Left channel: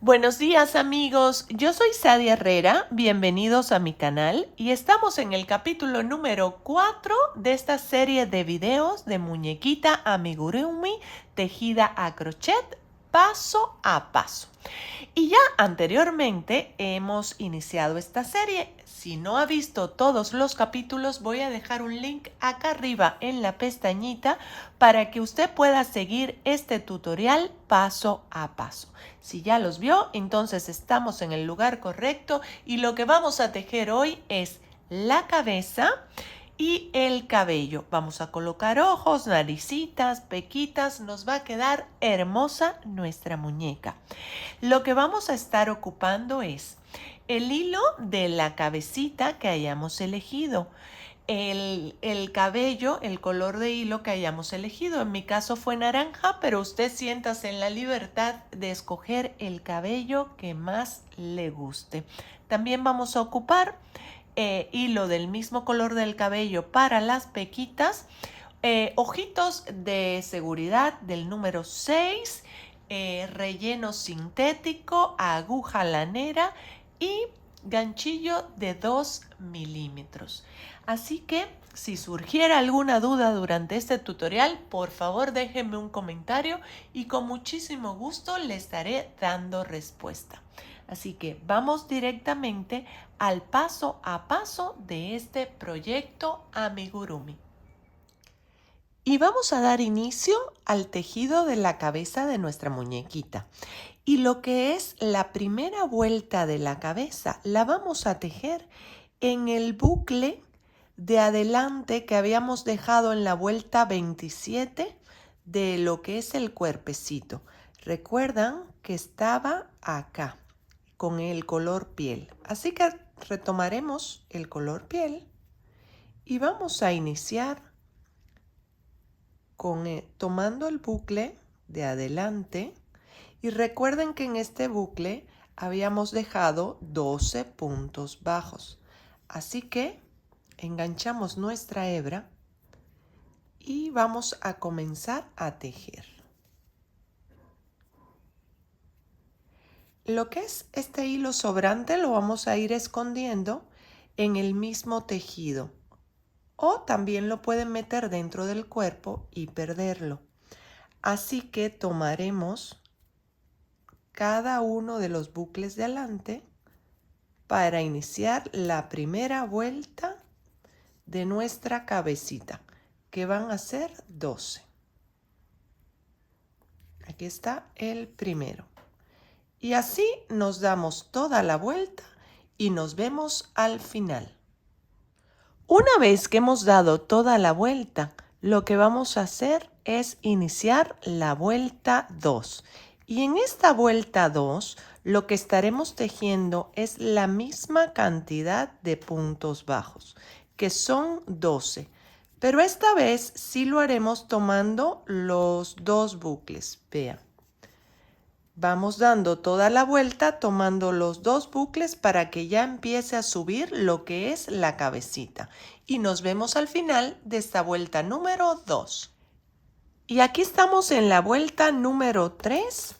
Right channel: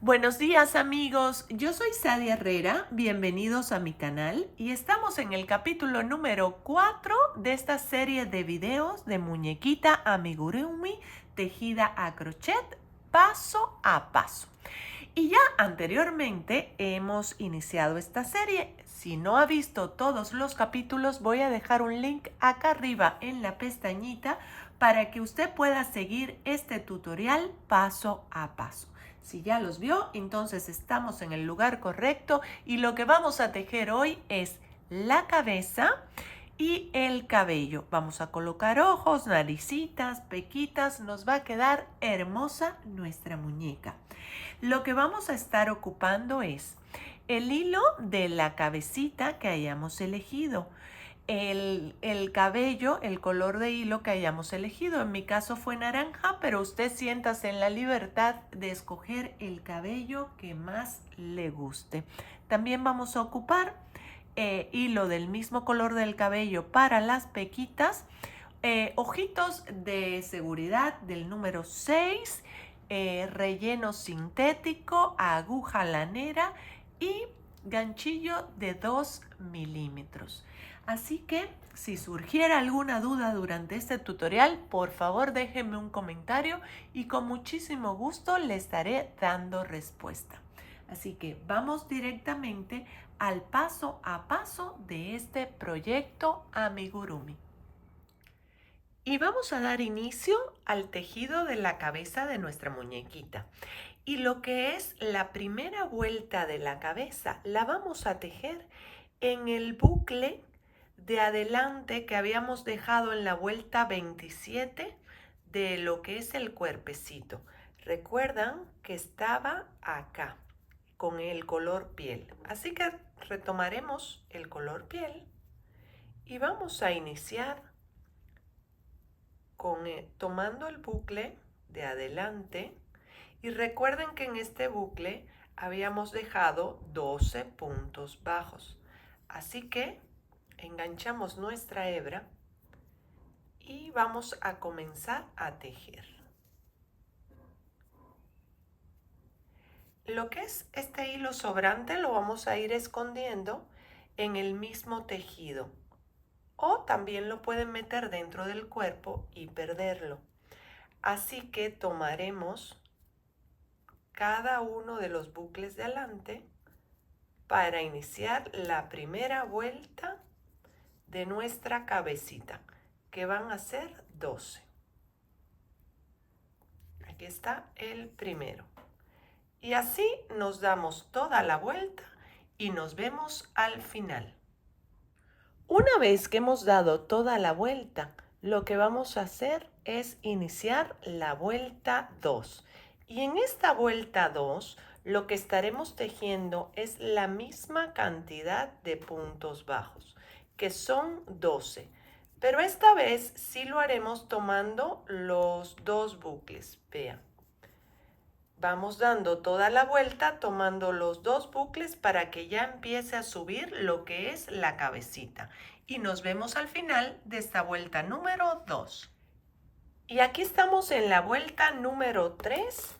Buenos días amigos, yo soy Sadia Herrera, bienvenidos a mi canal y estamos en el capítulo número 4 de esta serie de videos de muñequita amigurumi tejida a crochet paso a paso. Y ya anteriormente hemos iniciado esta serie. Si no ha visto todos los capítulos, voy a dejar un link acá arriba en la pestañita para que usted pueda seguir este tutorial paso a paso. Si ya los vio, entonces estamos en el lugar correcto y lo que vamos a tejer hoy es la cabeza y el cabello. Vamos a colocar ojos, naricitas, pequitas. Nos va a quedar hermosa nuestra muñeca. Lo que vamos a estar ocupando es el hilo de la cabecita que hayamos elegido. El cabello, el color de hilo que hayamos elegido. En mi caso fue naranja, pero usted siéntase en la libertad de escoger el cabello que más le guste. También vamos a ocupar hilo del mismo color del cabello para las pequitas, ojitos de seguridad del número 6, relleno sintético, aguja lanera y ganchillo de 2 milímetros. Así que si surgiera alguna duda durante este tutorial, por favor déjenme un comentario y con muchísimo gusto le estaré dando respuesta. Así que vamos directamente al paso a paso de este proyecto amigurumi. Y vamos a dar inicio al tejido de la cabeza de nuestra muñequita. Y lo que es la primera vuelta de la cabeza la vamos a tejer en el bucle de adelante que habíamos dejado en la vuelta 27 de lo que es el cuerpecito. Recuerdan que estaba acá con el color piel. Así que retomaremos el color piel y vamos a iniciar tomando el bucle de adelante. Y recuerden que en este bucle habíamos dejado 12 puntos bajos. Así que enganchamos nuestra hebra y vamos a comenzar a tejer. Lo que es este hilo sobrante lo vamos a ir escondiendo en el mismo tejido. O también lo pueden meter dentro del cuerpo y perderlo. Así que tomaremos cada uno de los bucles de adelante para iniciar la primera vuelta de nuestra cabecita, que van a ser 12. Aquí está el primero. Y así nos damos toda la vuelta y nos vemos al final. Una vez que hemos dado toda la vuelta, lo que vamos a hacer es iniciar la vuelta 2. Y en esta vuelta 2, lo que estaremos tejiendo es la misma cantidad de puntos bajos, que son 12. Pero esta vez sí lo haremos tomando los dos bucles. Vean. Vamos dando toda la vuelta tomando los dos bucles para que ya empiece a subir lo que es la cabecita. Y nos vemos al final de esta vuelta número 2. Y aquí estamos en la vuelta número 3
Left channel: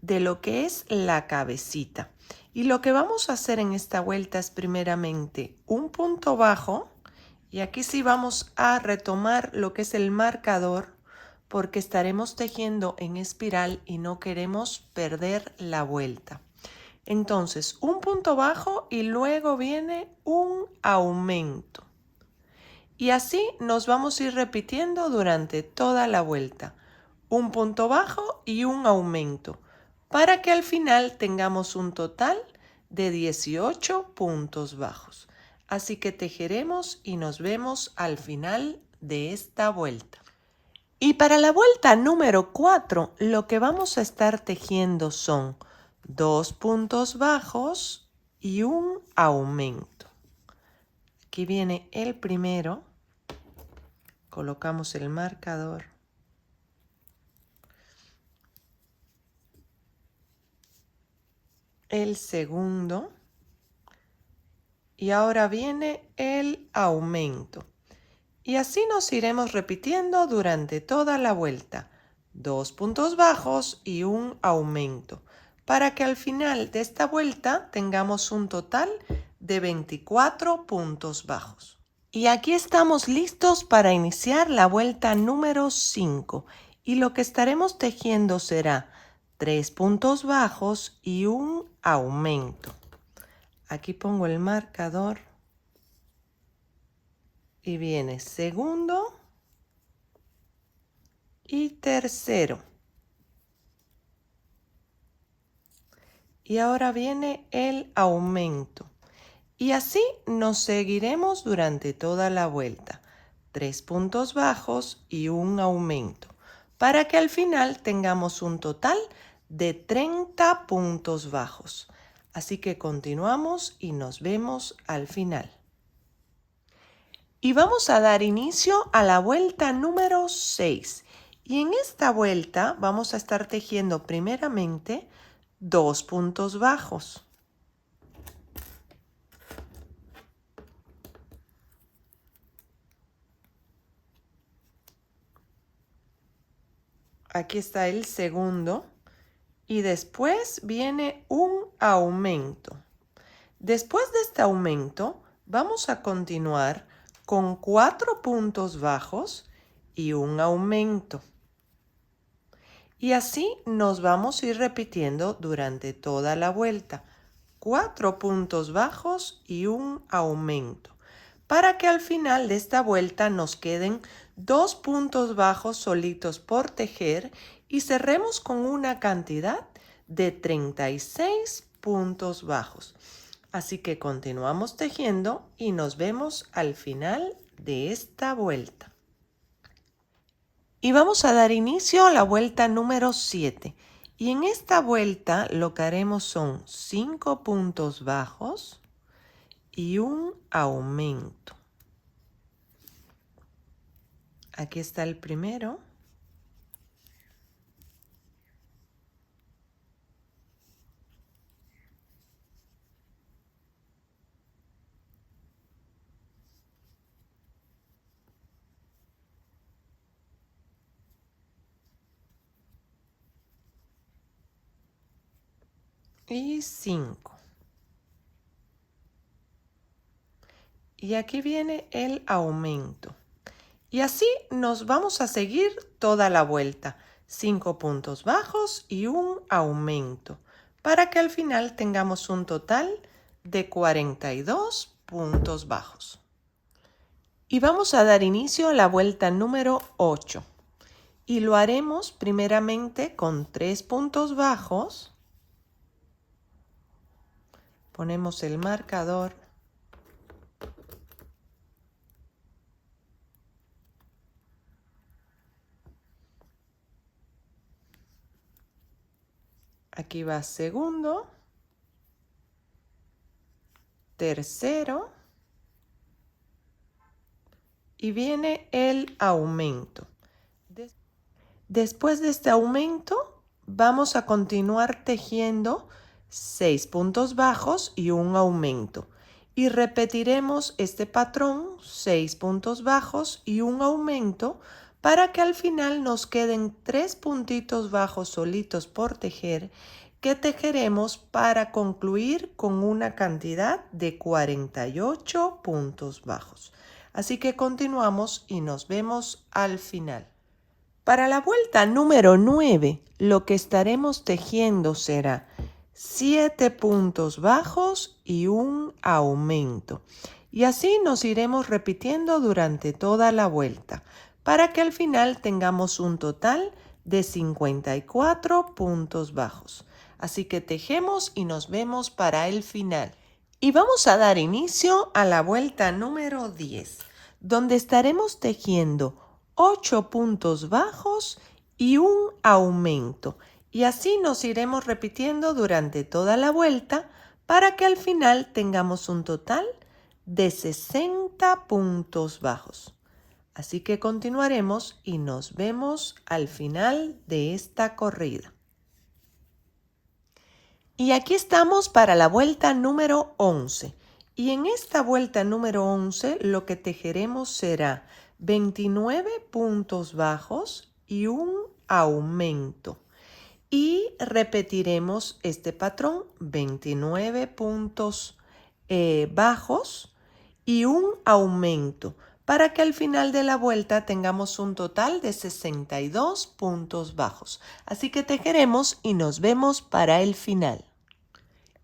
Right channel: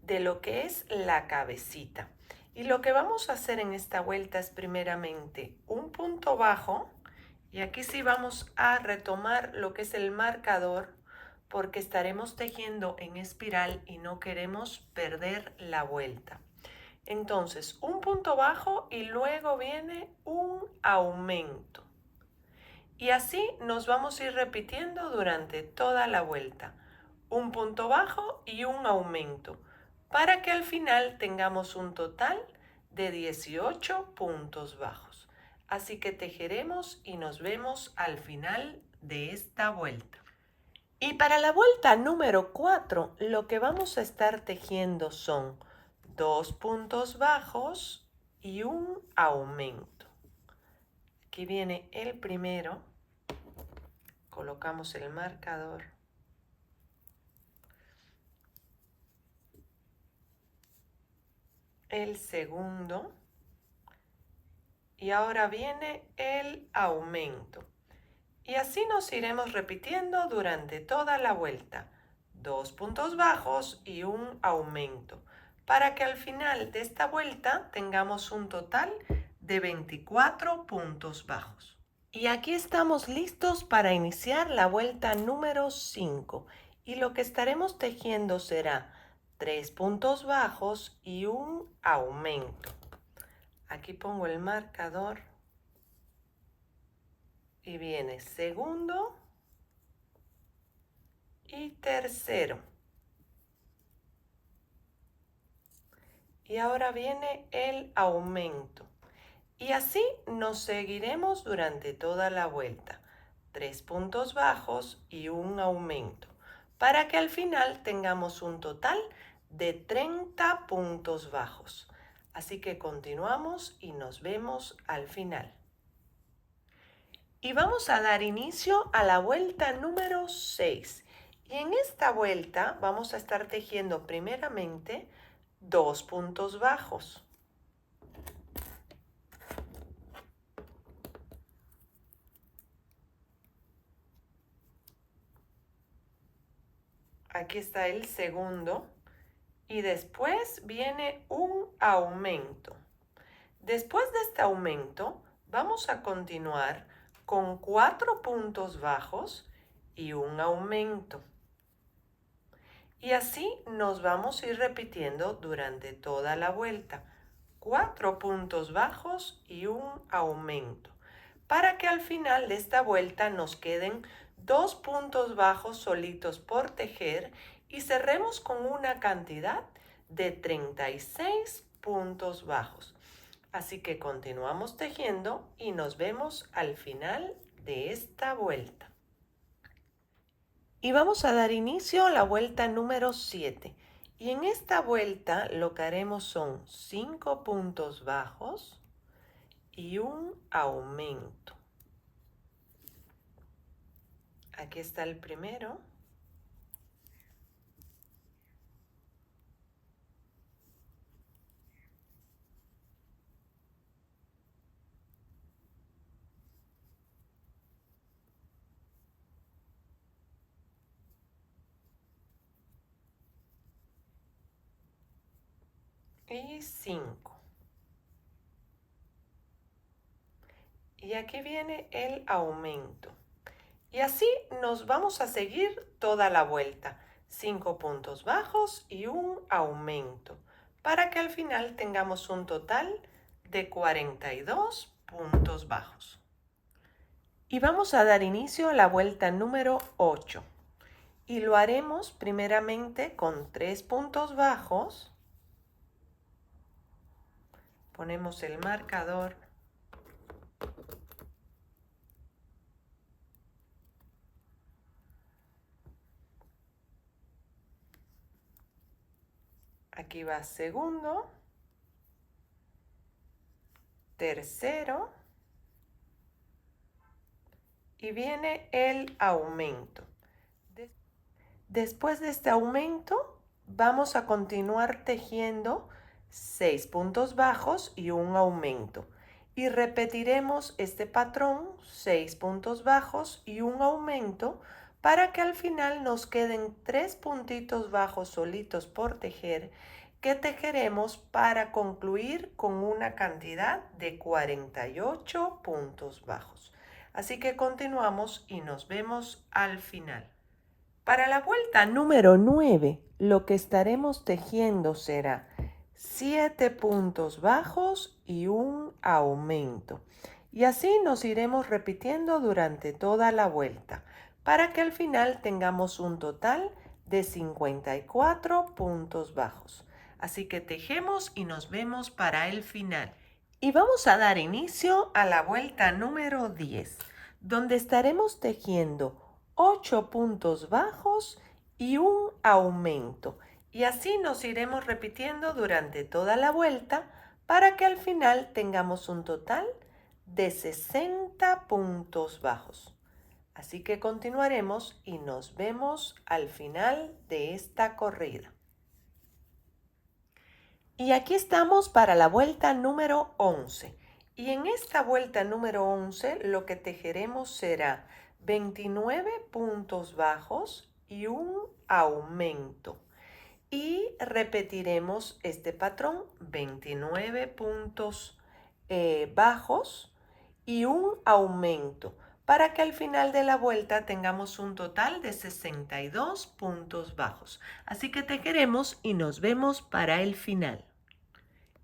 de lo que es la cabecita. Y lo que vamos a hacer en esta vuelta es primeramente un punto bajo. Y aquí sí vamos a retomar lo que es el marcador, porque estaremos tejiendo en espiral y no queremos perder la vuelta. Entonces, un punto bajo y luego viene un aumento. Y así nos vamos a ir repitiendo durante toda la vuelta. Un punto bajo y un aumento, para que al final tengamos un total de 18 puntos bajos. Así que tejeremos y nos vemos al final de esta vuelta. Y para la vuelta número 4, lo que vamos a estar tejiendo son 2 puntos bajos y un aumento. Aquí viene el primero. Colocamos el marcador. El segundo. Y ahora viene el aumento. Y así nos iremos repitiendo durante toda la vuelta. 2 puntos bajos y un aumento. para que al final de esta vuelta tengamos un total de 24 puntos bajos. Y aquí estamos listos para iniciar la vuelta número 5 y lo que estaremos tejiendo será 3 puntos bajos y un aumento. Aquí pongo el marcador y viene segundo y tercero. Y ahora viene el aumento. Y así nos seguiremos durante toda la vuelta. 3 puntos bajos y un aumento, para que al final tengamos un total de 30 puntos bajos. Así que continuamos y nos vemos al final. Y vamos a dar inicio a la vuelta número 6. Y en esta vuelta vamos a estar tejiendo primeramente 2 puntos bajos. Aquí está el segundo. Y después viene un aumento. Después de este aumento, vamos a continuar con 4 puntos bajos y un aumento. Y así nos vamos a ir repitiendo durante toda la vuelta. 4 puntos bajos y un aumento. Para que al final de esta vuelta nos queden 2 puntos bajos solitos por tejer y cerremos con una cantidad de 36 puntos bajos. Así que continuamos tejiendo y nos vemos al final de esta vuelta. Y vamos a dar inicio a la vuelta número 7. Y en esta vuelta lo que haremos son 5 puntos bajos y un aumento. Aquí está el primero. Y 5. Y aquí viene el aumento. Y así nos vamos a seguir toda la vuelta. 5 puntos bajos y un aumento, para que al final tengamos un total de 42 puntos bajos. Y vamos a dar inicio a la vuelta número 8. Y lo haremos primeramente con 3 puntos bajos. Ponemos el marcador. Aquí va segundo, tercero y viene el aumento. Después de este aumento vamos a continuar tejiendo 6 puntos bajos y un aumento. Y repetiremos este patrón, 6 puntos bajos y un aumento, para que al final nos queden 3 puntitos bajos solitos por tejer, que tejeremos para concluir con una cantidad de 48 puntos bajos. Así que continuamos y nos vemos al final. Para la vuelta número 9, lo que estaremos tejiendo será 7 puntos bajos y un aumento. Y así nos iremos repitiendo durante toda la vuelta, para que al final tengamos un total de 54 puntos bajos. Así que tejemos y nos vemos para el final. Y vamos a dar inicio a la vuelta número 10, donde estaremos tejiendo 8 puntos bajos y un aumento. Y así nos iremos repitiendo durante toda la vuelta, para que al final tengamos un total de 60 puntos bajos. Así que continuaremos y nos vemos al final de esta corrida. Y aquí estamos para la vuelta número 11. Y en esta vuelta número 11 lo que tejeremos será 29 puntos bajos y un aumento. y repetiremos este patrón, 29 puntos bajos y un aumento para que al final de la vuelta tengamos un total de 62 puntos bajos. Así que tejeremos y nos vemos para el final.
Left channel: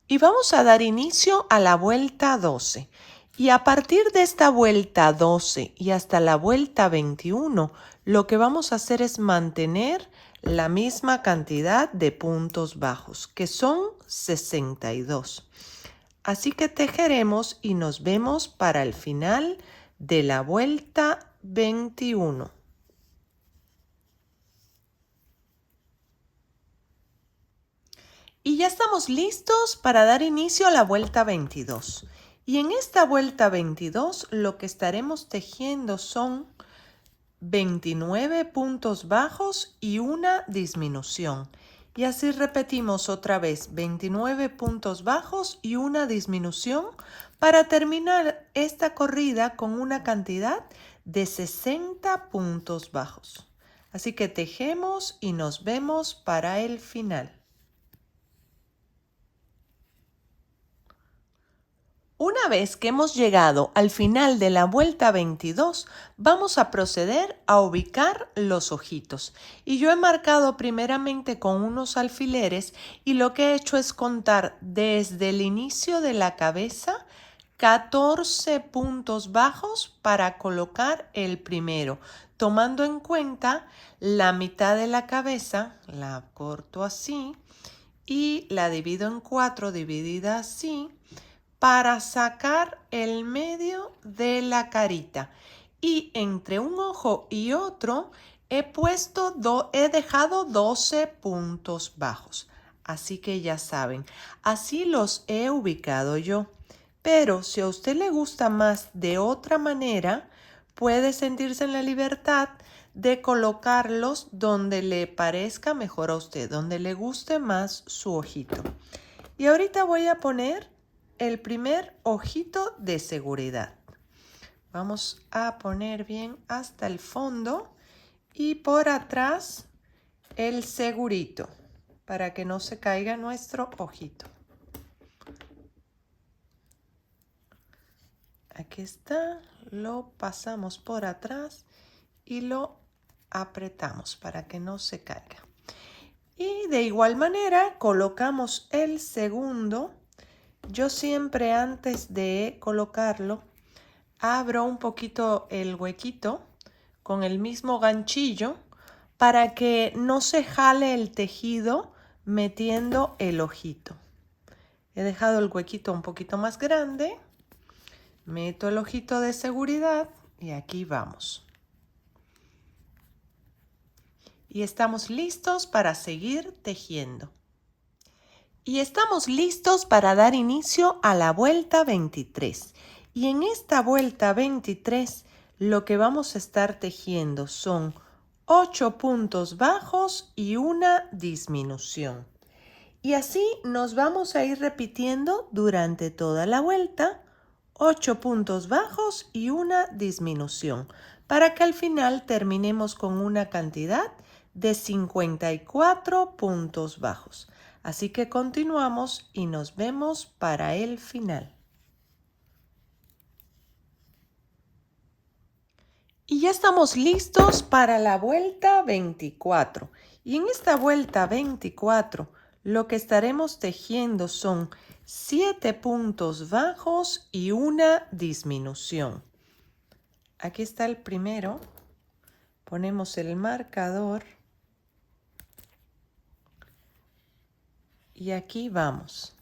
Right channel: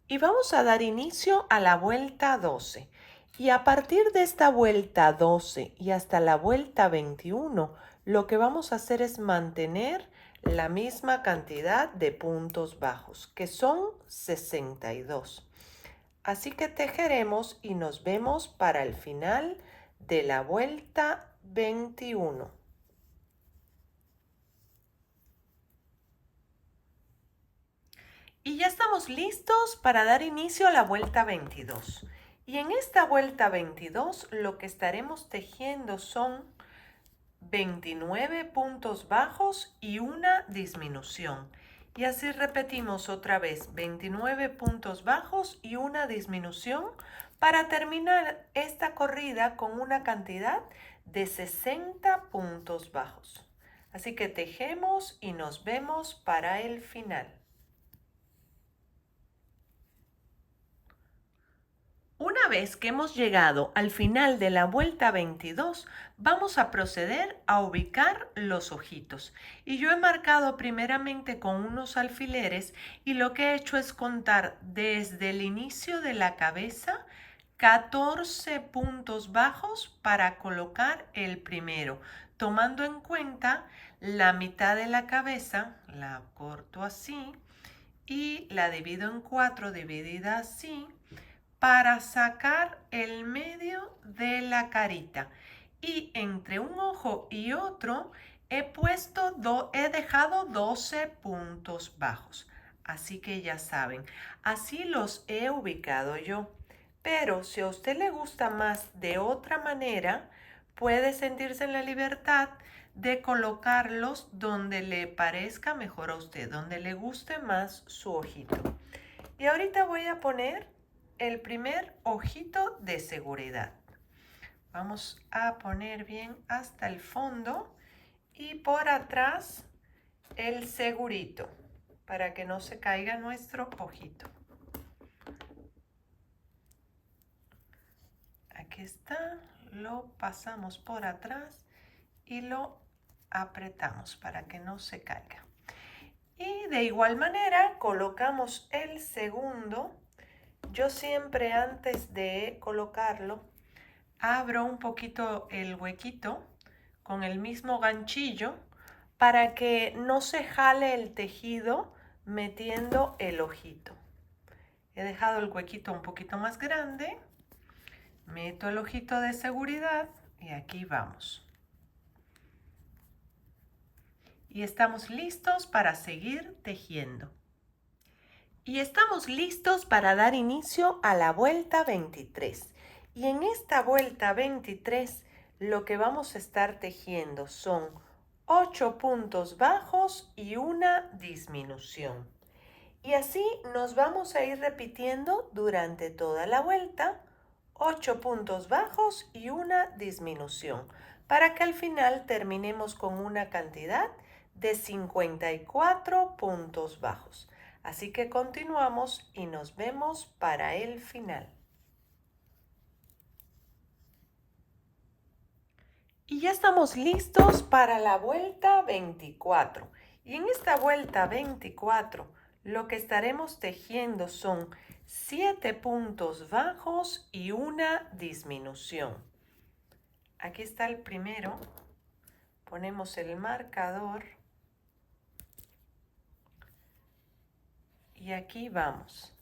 Y vamos a dar inicio a la vuelta 12. Y a partir de esta vuelta 12 y hasta la vuelta 21, lo que vamos a hacer es mantener la misma cantidad de puntos bajos, que son 62. Así que tejeremos y nos vemos para el final de la vuelta 21. Y ya estamos listos para dar inicio a la vuelta 22. Y en esta vuelta 22 lo que estaremos tejiendo son 29 puntos bajos y una disminución. Y así repetimos otra vez 29 puntos bajos y una disminución para terminar esta corrida con una cantidad de 60 puntos bajos. Así que tejemos y nos vemos para el final. Una vez que hemos llegado al final de la vuelta 22, vamos a proceder a ubicar los ojitos. Y yo he marcado primeramente con unos alfileres y lo que he hecho es contar desde el inicio de la cabeza 14 puntos bajos para colocar el primero, tomando en cuenta la mitad de la cabeza, la corto así y la divido en 4, dividida así, para sacar el medio de la carita. Y entre un ojo y otro he dejado 12 puntos bajos. Así que ya saben, así los he ubicado yo. Pero si a usted le gusta más de otra manera, puede sentirse en la libertad de colocarlos donde le parezca mejor a usted, donde le guste más su ojito. Y ahorita voy a poner el primer ojito de seguridad. Vamos a poner bien hasta el fondo y por atrás el segurito para que no se caiga nuestro ojito. Aquí está, lo pasamos por atrás y lo apretamos para que no se caiga. Y de igual manera colocamos el segundo. Yo siempre antes de colocarlo abro un poquito el huequito con el mismo ganchillo para que no se jale el tejido metiendo el ojito. He dejado el huequito un poquito más grande, meto el ojito de seguridad y aquí vamos. Y estamos listos para seguir tejiendo. Y estamos listos para dar inicio a la vuelta 23. Y en esta vuelta 23 lo que vamos a estar tejiendo son 8 puntos bajos y una disminución. Y así nos vamos a ir repitiendo durante toda la vuelta, 8 puntos bajos y una disminución, para que al final terminemos con una cantidad de 54 puntos bajos. Así que continuamos y nos vemos para el final. Y ya estamos listos para la vuelta 24. Y en esta vuelta 24 lo que estaremos tejiendo son 7 puntos bajos y una disminución. Aquí está el primero. Ponemos el marcador. Y aquí vamos.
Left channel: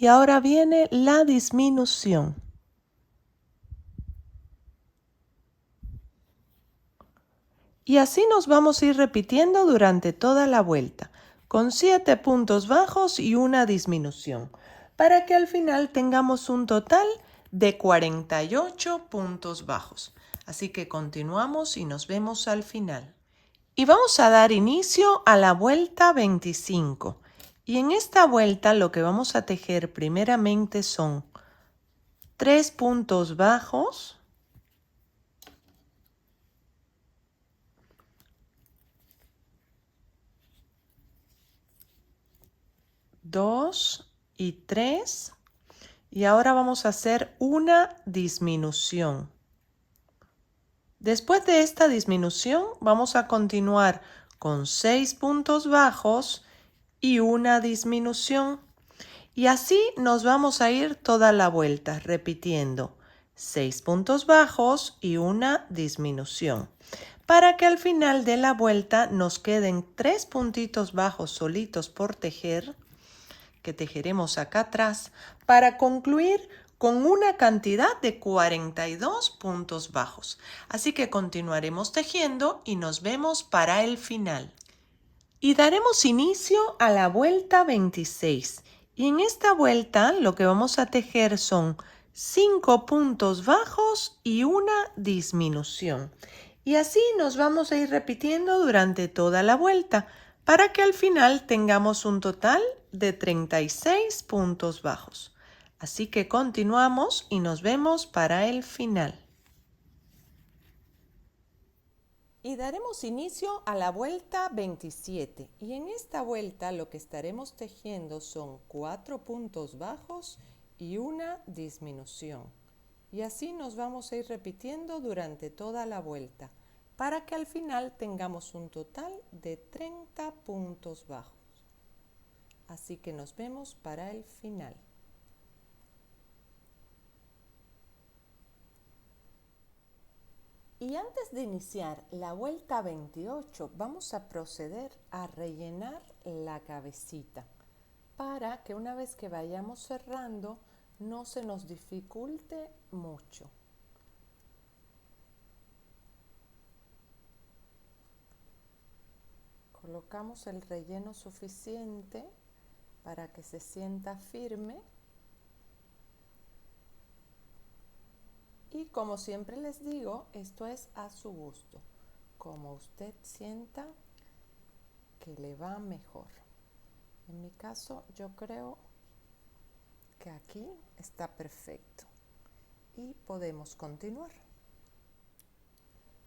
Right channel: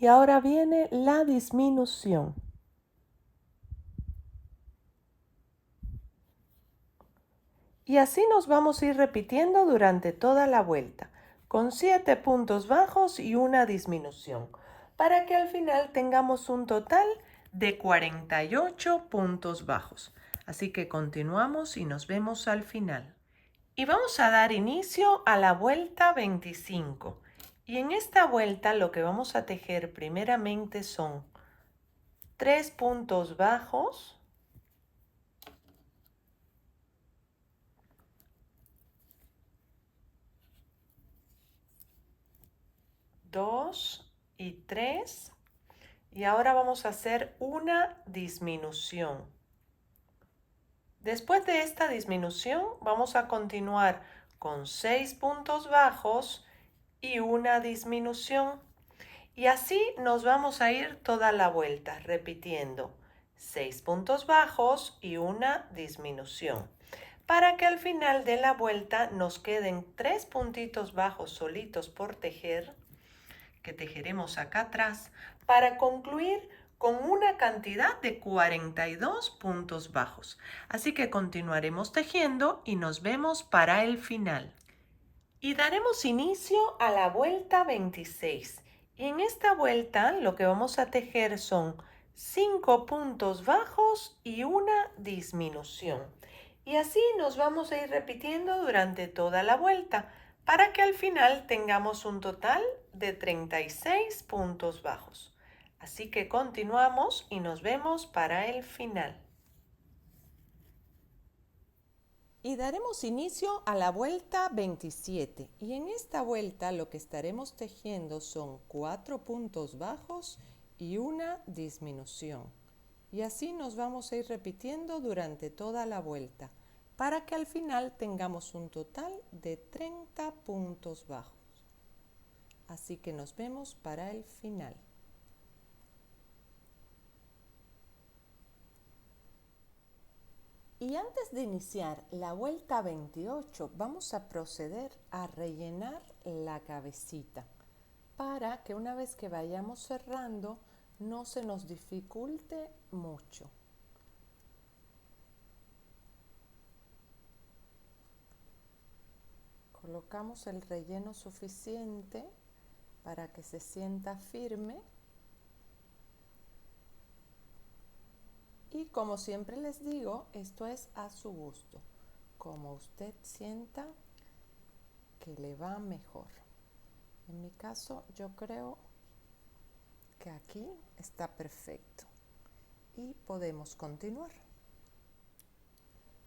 Y ahora viene la disminución. Y así nos vamos a ir repitiendo durante toda la vuelta. con 7 puntos bajos y una disminución, para que al final tengamos un total de 48 puntos bajos. Así que continuamos y nos vemos al final. Y vamos a dar inicio a la vuelta 25. Y en esta vuelta lo que vamos a tejer primeramente son 3 puntos bajos, 2 y 3, y ahora vamos a hacer una disminución. Después de esta disminución vamos a continuar con 6 puntos bajos y una disminución. Y así nos vamos a ir toda la vuelta repitiendo 6 puntos bajos y una disminución, para que al final de la vuelta nos queden 3 puntitos bajos solitos por tejer, que tejeremos acá atrás, para concluir con una cantidad de 42 puntos bajos. Así que continuaremos tejiendo y nos vemos para el final. Y daremos inicio a la vuelta 26. Y en esta vuelta lo que vamos a tejer son 5 puntos bajos y una disminución. Y así nos vamos a ir repitiendo durante toda la vuelta, para que al final tengamos un total de 36 puntos bajos. Así que continuamos y nos vemos para el final. Y daremos inicio a la vuelta 27. Y en esta vuelta lo que estaremos tejiendo son 4 puntos bajos y una disminución. Y así nos vamos a ir repitiendo durante toda la vuelta, para que al final tengamos un total de 30 puntos bajos. Así que nos vemos para el final. Y antes de iniciar la vuelta 28, vamos a proceder a rellenar la cabecita, para que una vez que vayamos cerrando no se nos dificulte mucho. Colocamos el relleno suficiente para que se sienta firme. Y como siempre les digo, esto es a su gusto, como usted sienta que le va mejor. En mi caso, yo creo que aquí está perfecto y podemos continuar.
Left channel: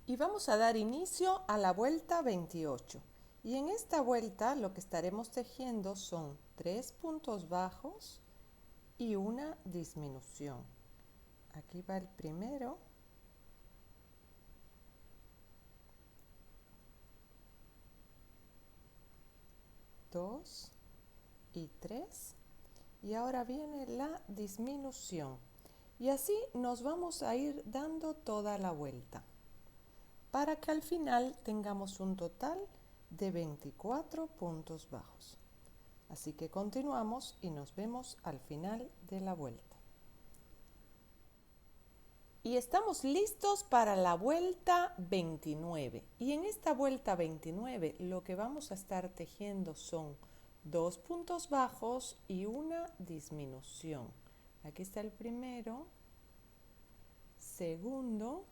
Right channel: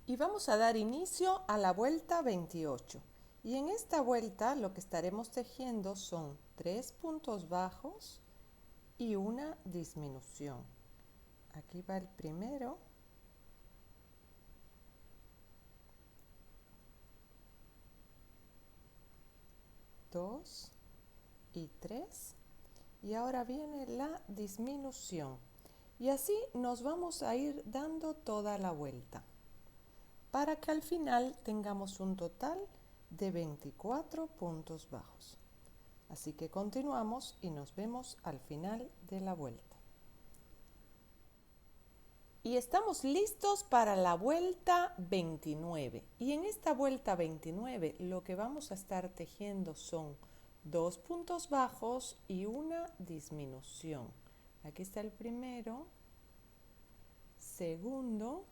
Y vamos a dar inicio a la vuelta 28. Y en esta vuelta lo que estaremos tejiendo son 3 puntos bajos y una disminución. Aquí va el primero. Dos y 3. Y ahora viene la disminución. Y así nos vamos a ir dando toda la vuelta, para que al final tengamos un total de 24 puntos bajos. Así que continuamos y nos vemos al final de la vuelta. Y estamos listos para la vuelta 29. Y en esta vuelta 29 lo que vamos a estar tejiendo son 2 puntos bajos y una disminución. Aquí está el primero, segundo,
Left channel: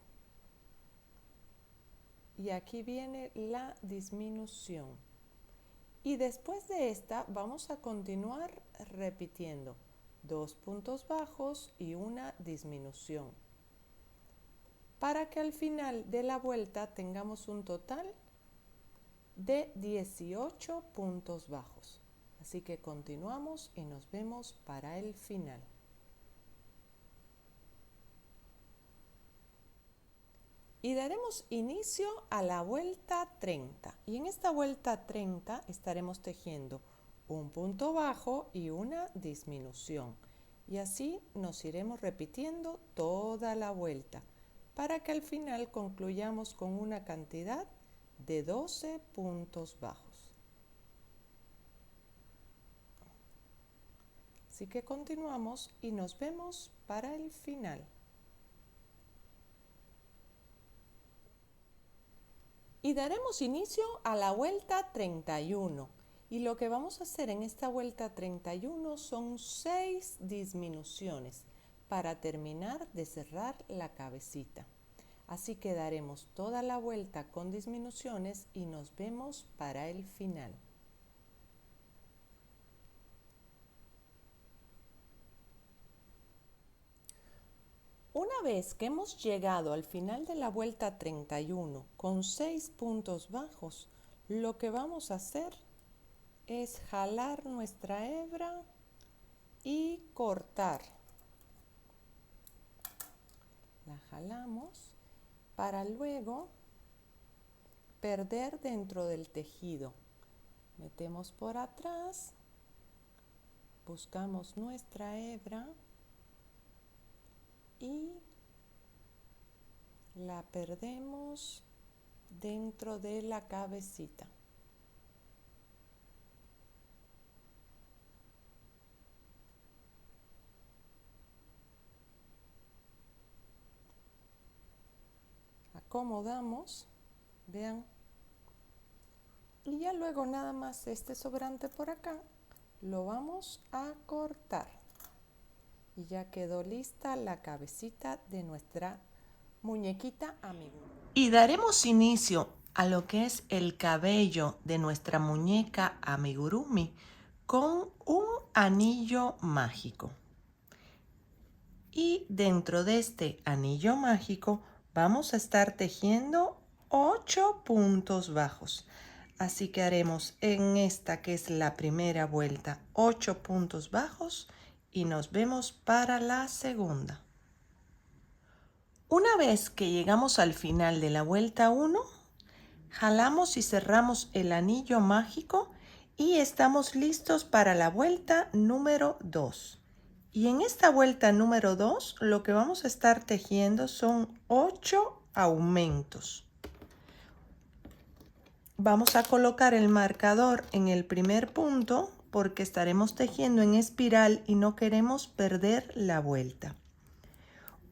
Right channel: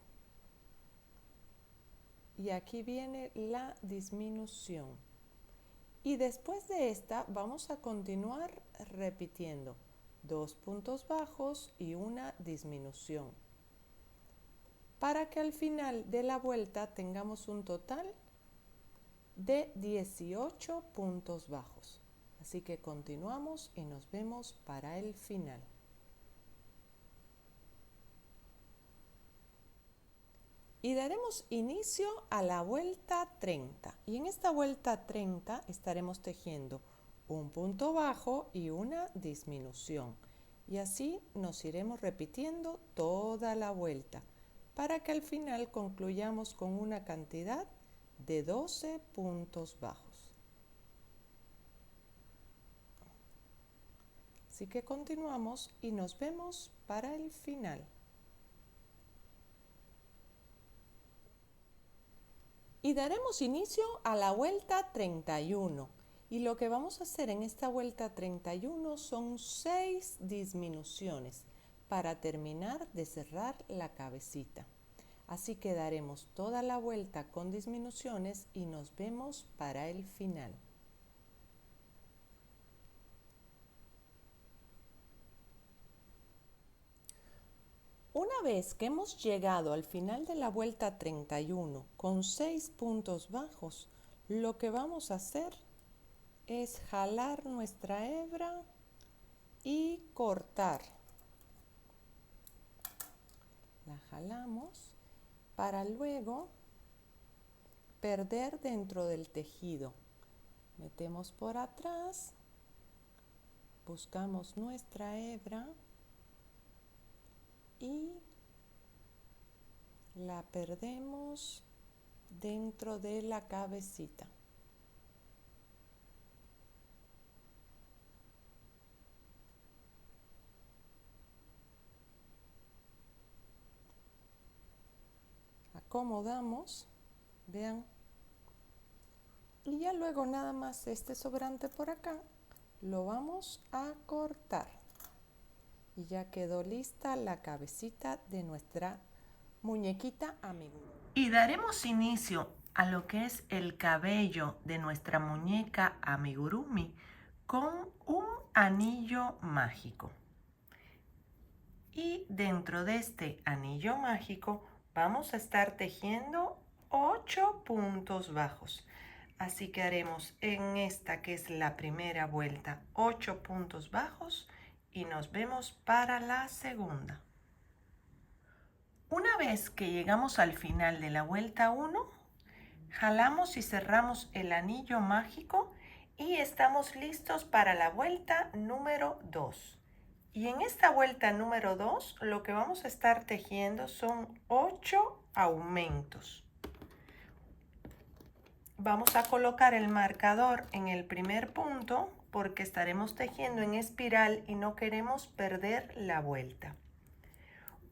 y aquí viene la disminución. Y después de esta vamos a continuar repitiendo 2 puntos bajos y una disminución, para que al final de la vuelta tengamos un total de 18 puntos bajos. Así que continuamos y nos vemos para el final. Y daremos inicio a la vuelta 30. Y en esta vuelta 30 estaremos tejiendo un punto bajo y una disminución. Y así nos iremos repitiendo toda la vuelta, para que al final concluyamos con una cantidad de 12 puntos bajos. Así que continuamos y nos vemos para el final. Y daremos inicio a la vuelta 31. Y lo que vamos a hacer en esta vuelta 31 son 6 disminuciones para terminar de cerrar la cabecita. Así que daremos toda la vuelta con disminuciones y nos vemos para el final. Una vez que hemos llegado al final de la vuelta 31 con 6 puntos bajos, lo que vamos a hacer es jalar nuestra hebra y cortar. La jalamos para luego perder dentro del tejido. Metemos por atrás, buscamos nuestra hebra y la perdemos dentro de la cabecita. Acomodamos, vean, y ya luego nada más este sobrante por acá lo vamos a cortar y ya quedó lista la cabecita de nuestra muñequita amigurumi. Y daremos inicio a lo que es el cabello de nuestra muñeca amigurumi con un anillo mágico. Y dentro de este anillo mágico vamos a estar tejiendo 8 puntos bajos. Así que haremos en esta que es la primera vuelta 8 puntos bajos y nos vemos para la segunda. Una vez que llegamos al final de la vuelta 1, jalamos y cerramos el anillo mágico y estamos listos para la vuelta número 2. Y en esta vuelta número 2 lo que vamos a estar tejiendo son 8 aumentos. Vamos a colocar el marcador en el primer punto porque estaremos tejiendo en espiral y no queremos perder la vuelta.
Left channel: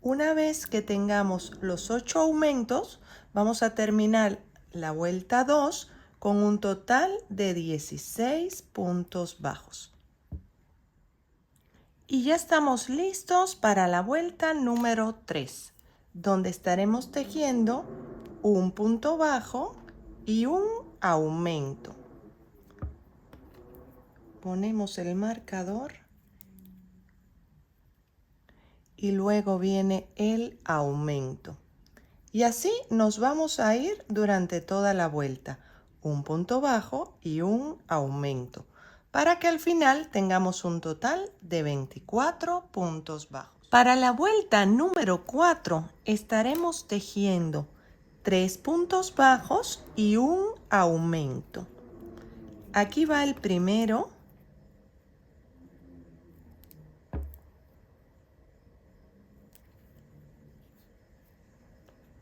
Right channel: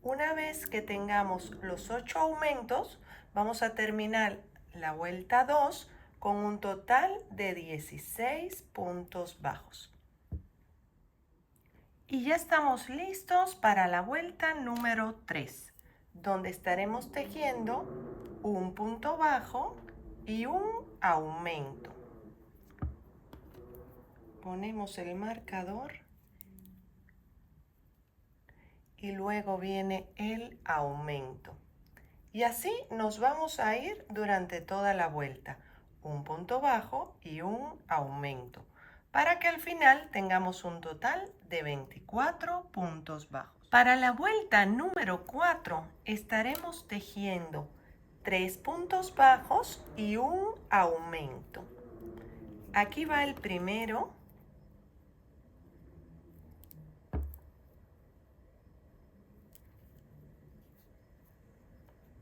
Una vez que tengamos los 8 aumentos, vamos a terminar la vuelta 2 con un total de 16 puntos bajos. Y ya estamos listos para la vuelta número 3, donde estaremos tejiendo un punto bajo y un aumento. Ponemos el marcador y luego viene el aumento. Y así nos vamos a ir durante toda la vuelta, un punto bajo y un aumento, para que al final tengamos un total de 24 puntos bajos. Para la vuelta número 4 estaremos tejiendo 3 puntos bajos y un aumento. Aquí va el primero.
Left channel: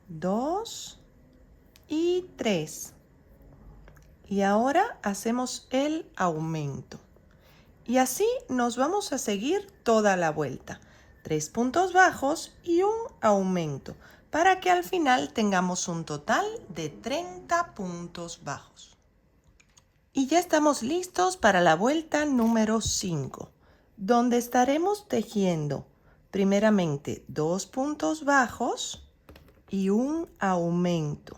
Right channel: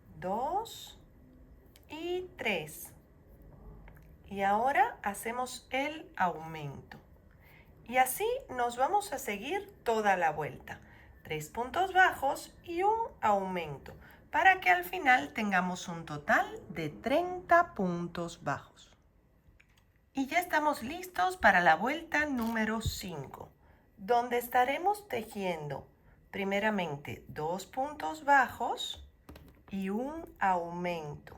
Dos y 3. Y ahora hacemos el aumento. Y así nos vamos a seguir toda la vuelta. 3 puntos bajos y un aumento, para que al final tengamos un total de 30 puntos bajos. Y ya estamos listos para la vuelta número 5, donde estaremos tejiendo primeramente 2 puntos bajos y un aumento.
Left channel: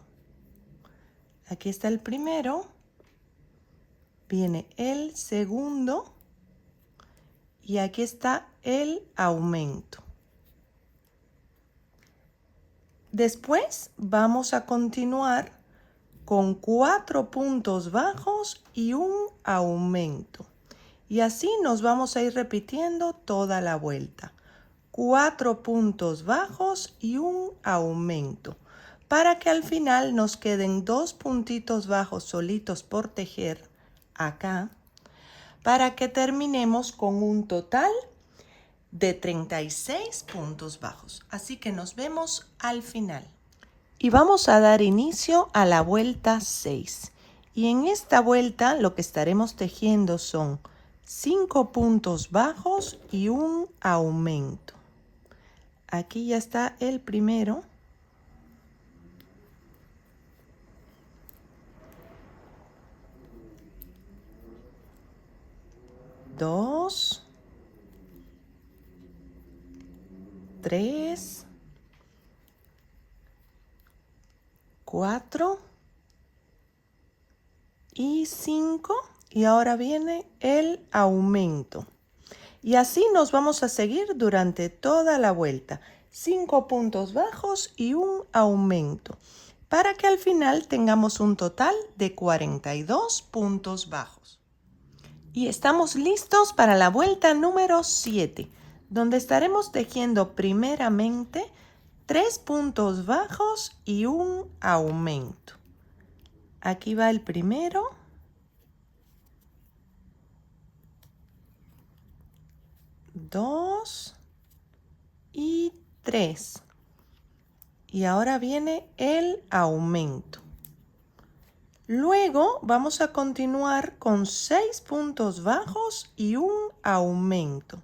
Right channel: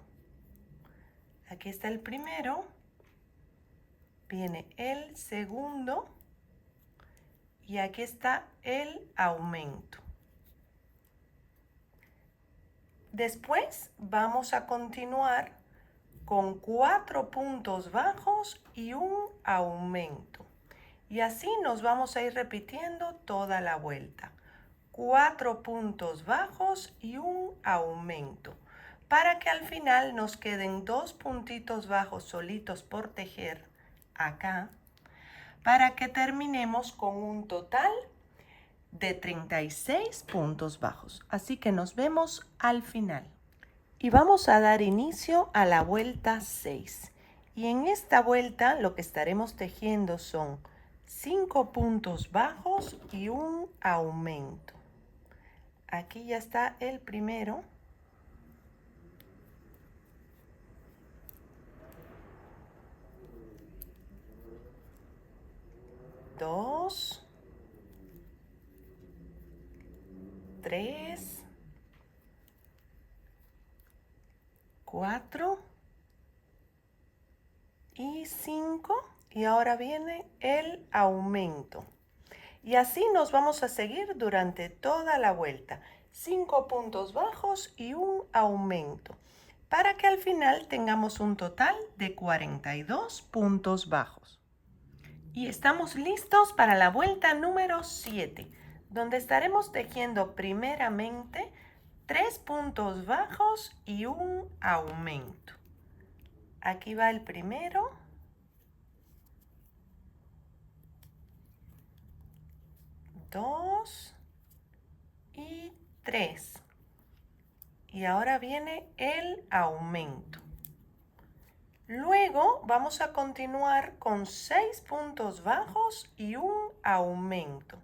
Aquí está el primero, viene el segundo y aquí está el aumento. Después vamos a continuar con 4 puntos bajos y un aumento. Y así nos vamos a ir repitiendo toda la vuelta. 4 puntos bajos y un aumento, para que al final nos queden 2 puntitos bajos solitos por tejer acá, para que terminemos con un total de 36 puntos bajos. Así que nos vemos al final. Y vamos a dar inicio a la vuelta 6. Y en esta vuelta lo que estaremos tejiendo son 5 puntos bajos y un aumento. Aquí ya está el primero. 2, 3, 4 y 5. Y ahora viene el aumento. Y así nos vamos a seguir durante toda la vuelta. 5 puntos bajos y un aumento, para que al final tengamos un total de 42 puntos bajos. Y estamos listos para la vuelta número 7, donde estaremos tejiendo primeramente 3 puntos bajos y un aumento. Aquí va el primero. 2 y 3. Y ahora viene el aumento. Luego vamos a continuar con 6 puntos bajos y un aumento.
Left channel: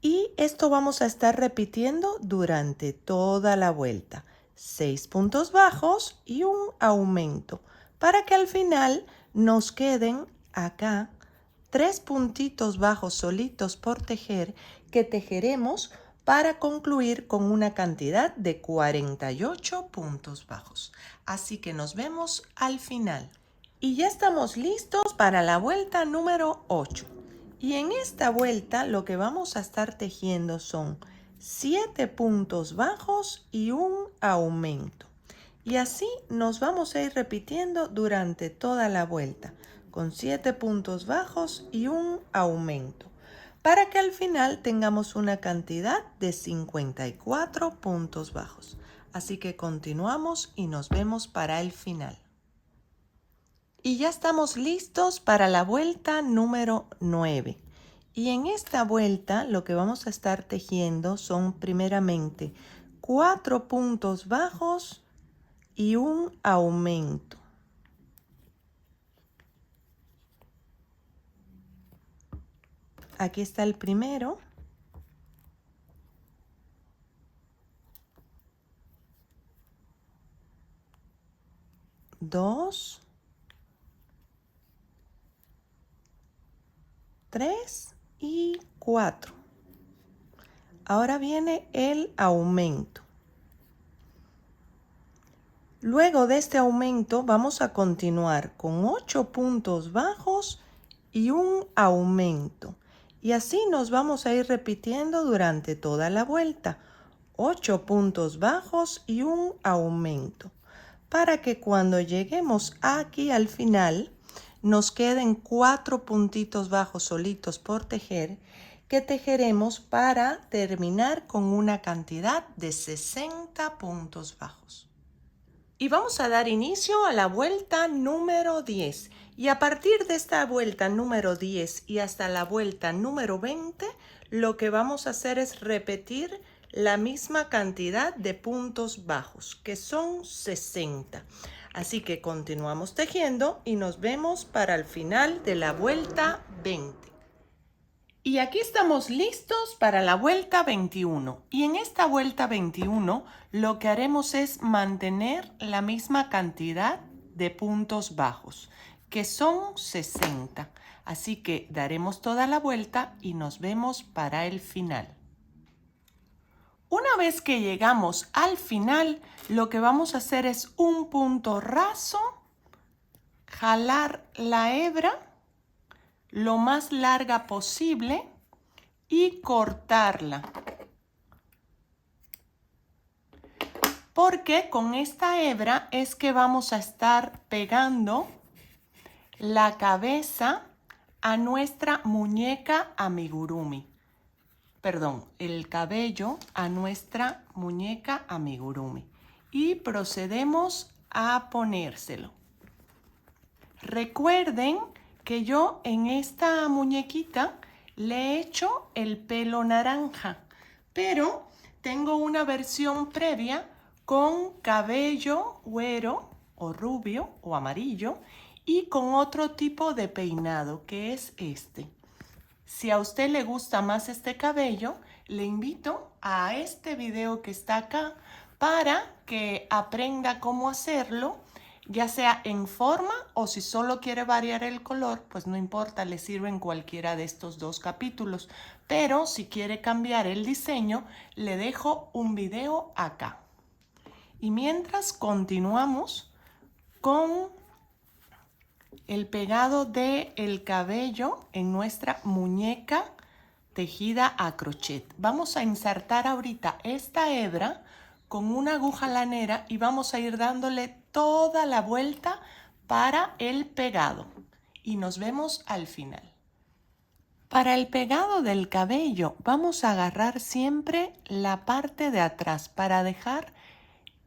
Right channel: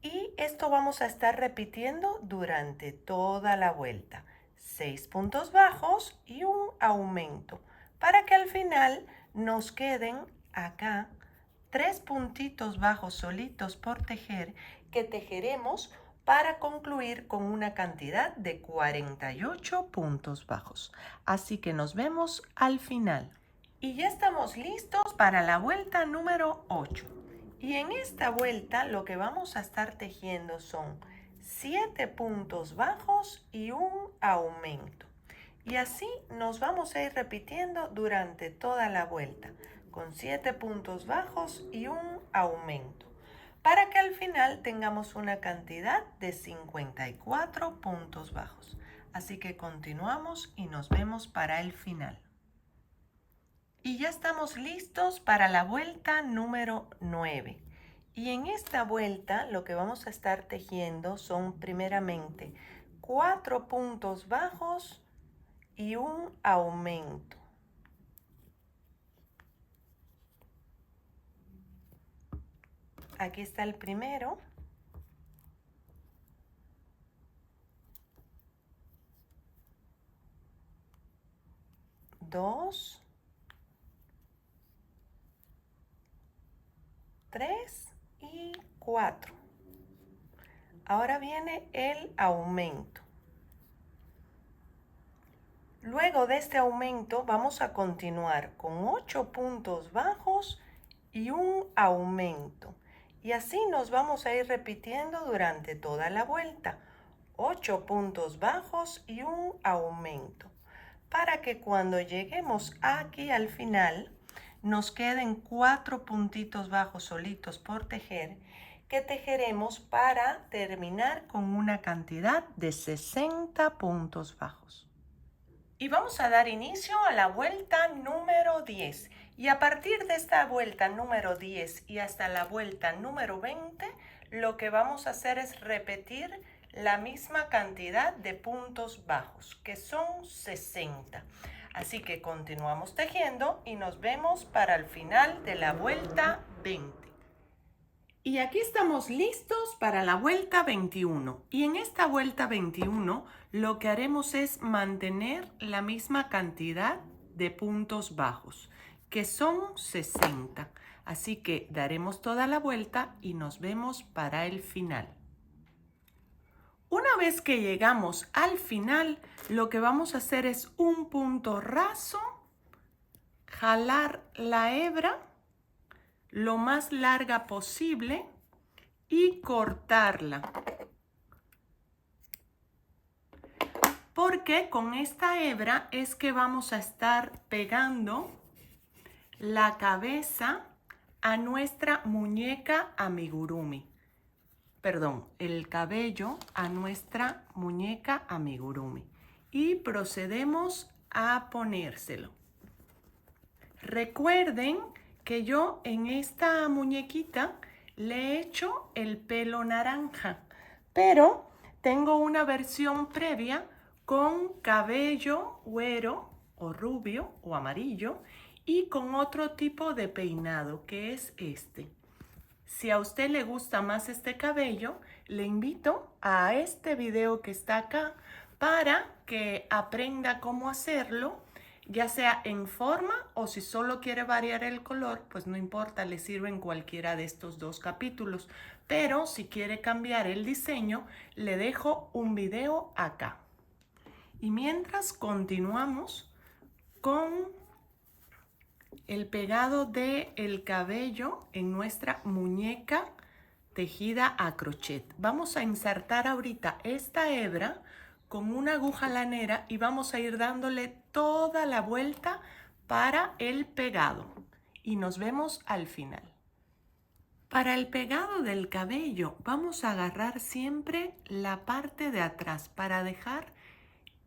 Y esto vamos a estar repitiendo durante toda la vuelta. 6 puntos bajos y un aumento, para que al final nos queden acá 3 puntitos bajos solitos por tejer, que tejeremos para concluir con una cantidad de 48 puntos bajos. Así que nos vemos al final. Y ya estamos listos para la vuelta número 8. Y en esta vuelta lo que vamos a estar tejiendo son 7 puntos bajos y un aumento. Y así nos vamos a ir repitiendo durante toda la vuelta, con 7 puntos bajos y un aumento, para que al final tengamos una cantidad de 54 puntos bajos. Así que continuamos y nos vemos para el final. Y ya estamos listos para la vuelta número 9. Y en esta vuelta lo que vamos a estar tejiendo son primeramente 4 puntos bajos y un aumento. Aquí está el primero. Dos. 3 y 4. Ahora viene el aumento. Luego de este aumento vamos a continuar con 8 puntos bajos y un aumento. Y así nos vamos a ir repitiendo durante toda la vuelta. 8 puntos bajos y un aumento, para que cuando lleguemos aquí al final nos queden 4 puntitos bajos solitos por tejer, que tejeremos para terminar con una cantidad de 60 puntos bajos. Y vamos a dar inicio a la vuelta número 10. Y a partir de esta vuelta número 10 y hasta la vuelta número 20, lo que vamos a hacer es repetir la misma cantidad de puntos bajos, que son 60. Así que continuamos tejiendo y nos vemos para el final de la vuelta 20. Y aquí estamos listos para la vuelta 21. Y en esta vuelta 21 lo que haremos es mantener la misma cantidad de puntos bajos, que son 60. Así que daremos toda la vuelta y nos vemos para el final. Una vez que llegamos al final, lo que vamos a hacer es un punto raso, jalar la hebra lo más larga posible y cortarla. Porque con esta hebra es que vamos a estar pegando la cabeza a nuestra muñeca amigurumi. Perdón, el cabello a nuestra muñeca amigurumi. Y procedemos a ponérselo. Recuerden que yo en esta muñequita le he hecho el pelo naranja, pero tengo una versión previa con cabello güero o rubio o amarillo y con otro tipo de peinado, que es este. Si a usted le gusta más este cabello, le invito a este video que está acá para que aprenda cómo hacerlo. ya sea en forma o si solo quiere variar el color, pues no importa, le sirven cualquiera de estos dos capítulos. Pero si quiere cambiar el diseño, le dejo un video acá. Y mientras continuamos con el pegado del cabello en nuestra muñeca tejida a crochet. Vamos a insertar ahorita esta hebra con una aguja lanera y vamos a ir dándole toda la vuelta para el pegado. Y nos vemos al final. Para el pegado del cabello vamos a agarrar siempre la parte de atrás para dejar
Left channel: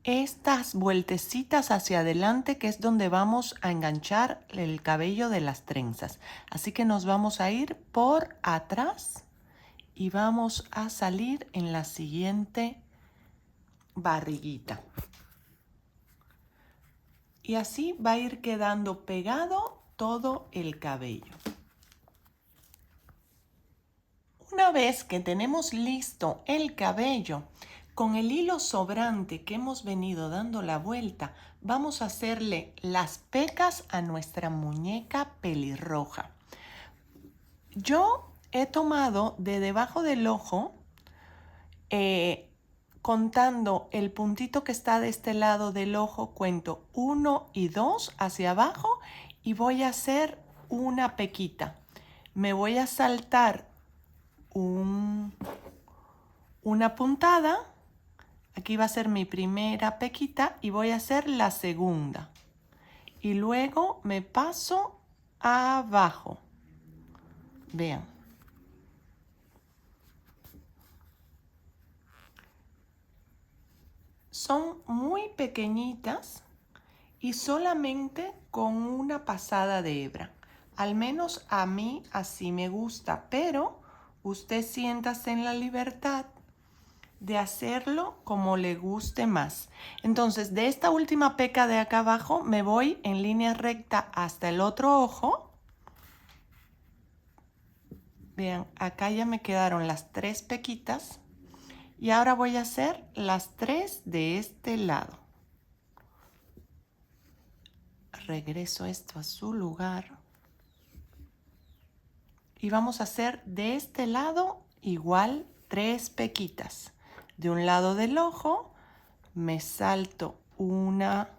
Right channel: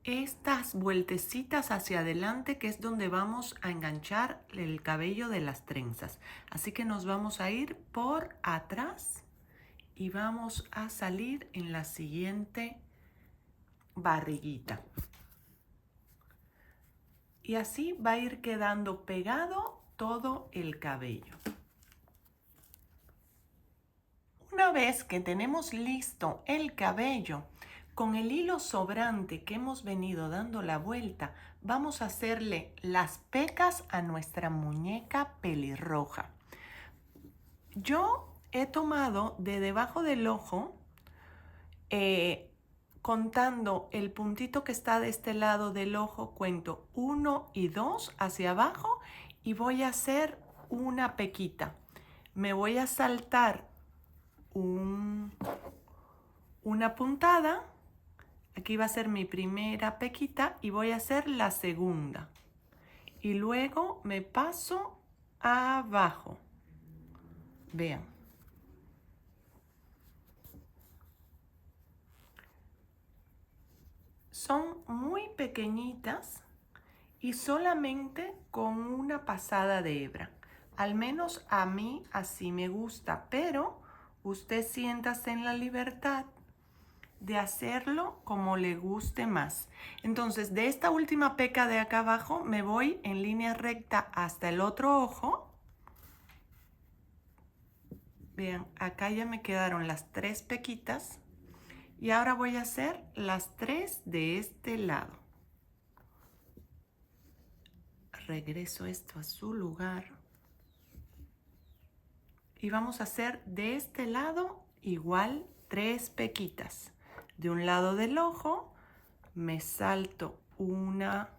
estas vueltecitas hacia adelante, que es donde vamos a enganchar el cabello de las trenzas. Así que nos vamos a ir por atrás y vamos a salir en la siguiente barriguita. Y así va a ir quedando pegado todo el cabello. Una vez que tenemos listo el cabello, con el hilo sobrante que hemos venido dando la vuelta, vamos a hacerle las pecas a nuestra muñeca pelirroja. Yo he tomado de debajo del ojo, contando el puntito que está de este lado del ojo, cuento 1 y 2 hacia abajo y voy a hacer una pequita. Me voy a saltar una puntada. Aquí va a ser mi primera pequita y voy a hacer la segunda. Y luego me paso abajo. Vean. Son muy pequeñitas y solamente con una pasada de hebra. Al menos a mí así me gusta, pero usted siéntase en la libertad de hacerlo como le guste más. Entonces, de esta última peca de acá abajo me voy en línea recta hasta el otro ojo. Vean, acá ya me quedaron las 3 pequitas y ahora voy a hacer las 3 de este lado. Regreso esto a su lugar y vamos a hacer de este lado igual 3 pequitas. De un lado del ojo me salto una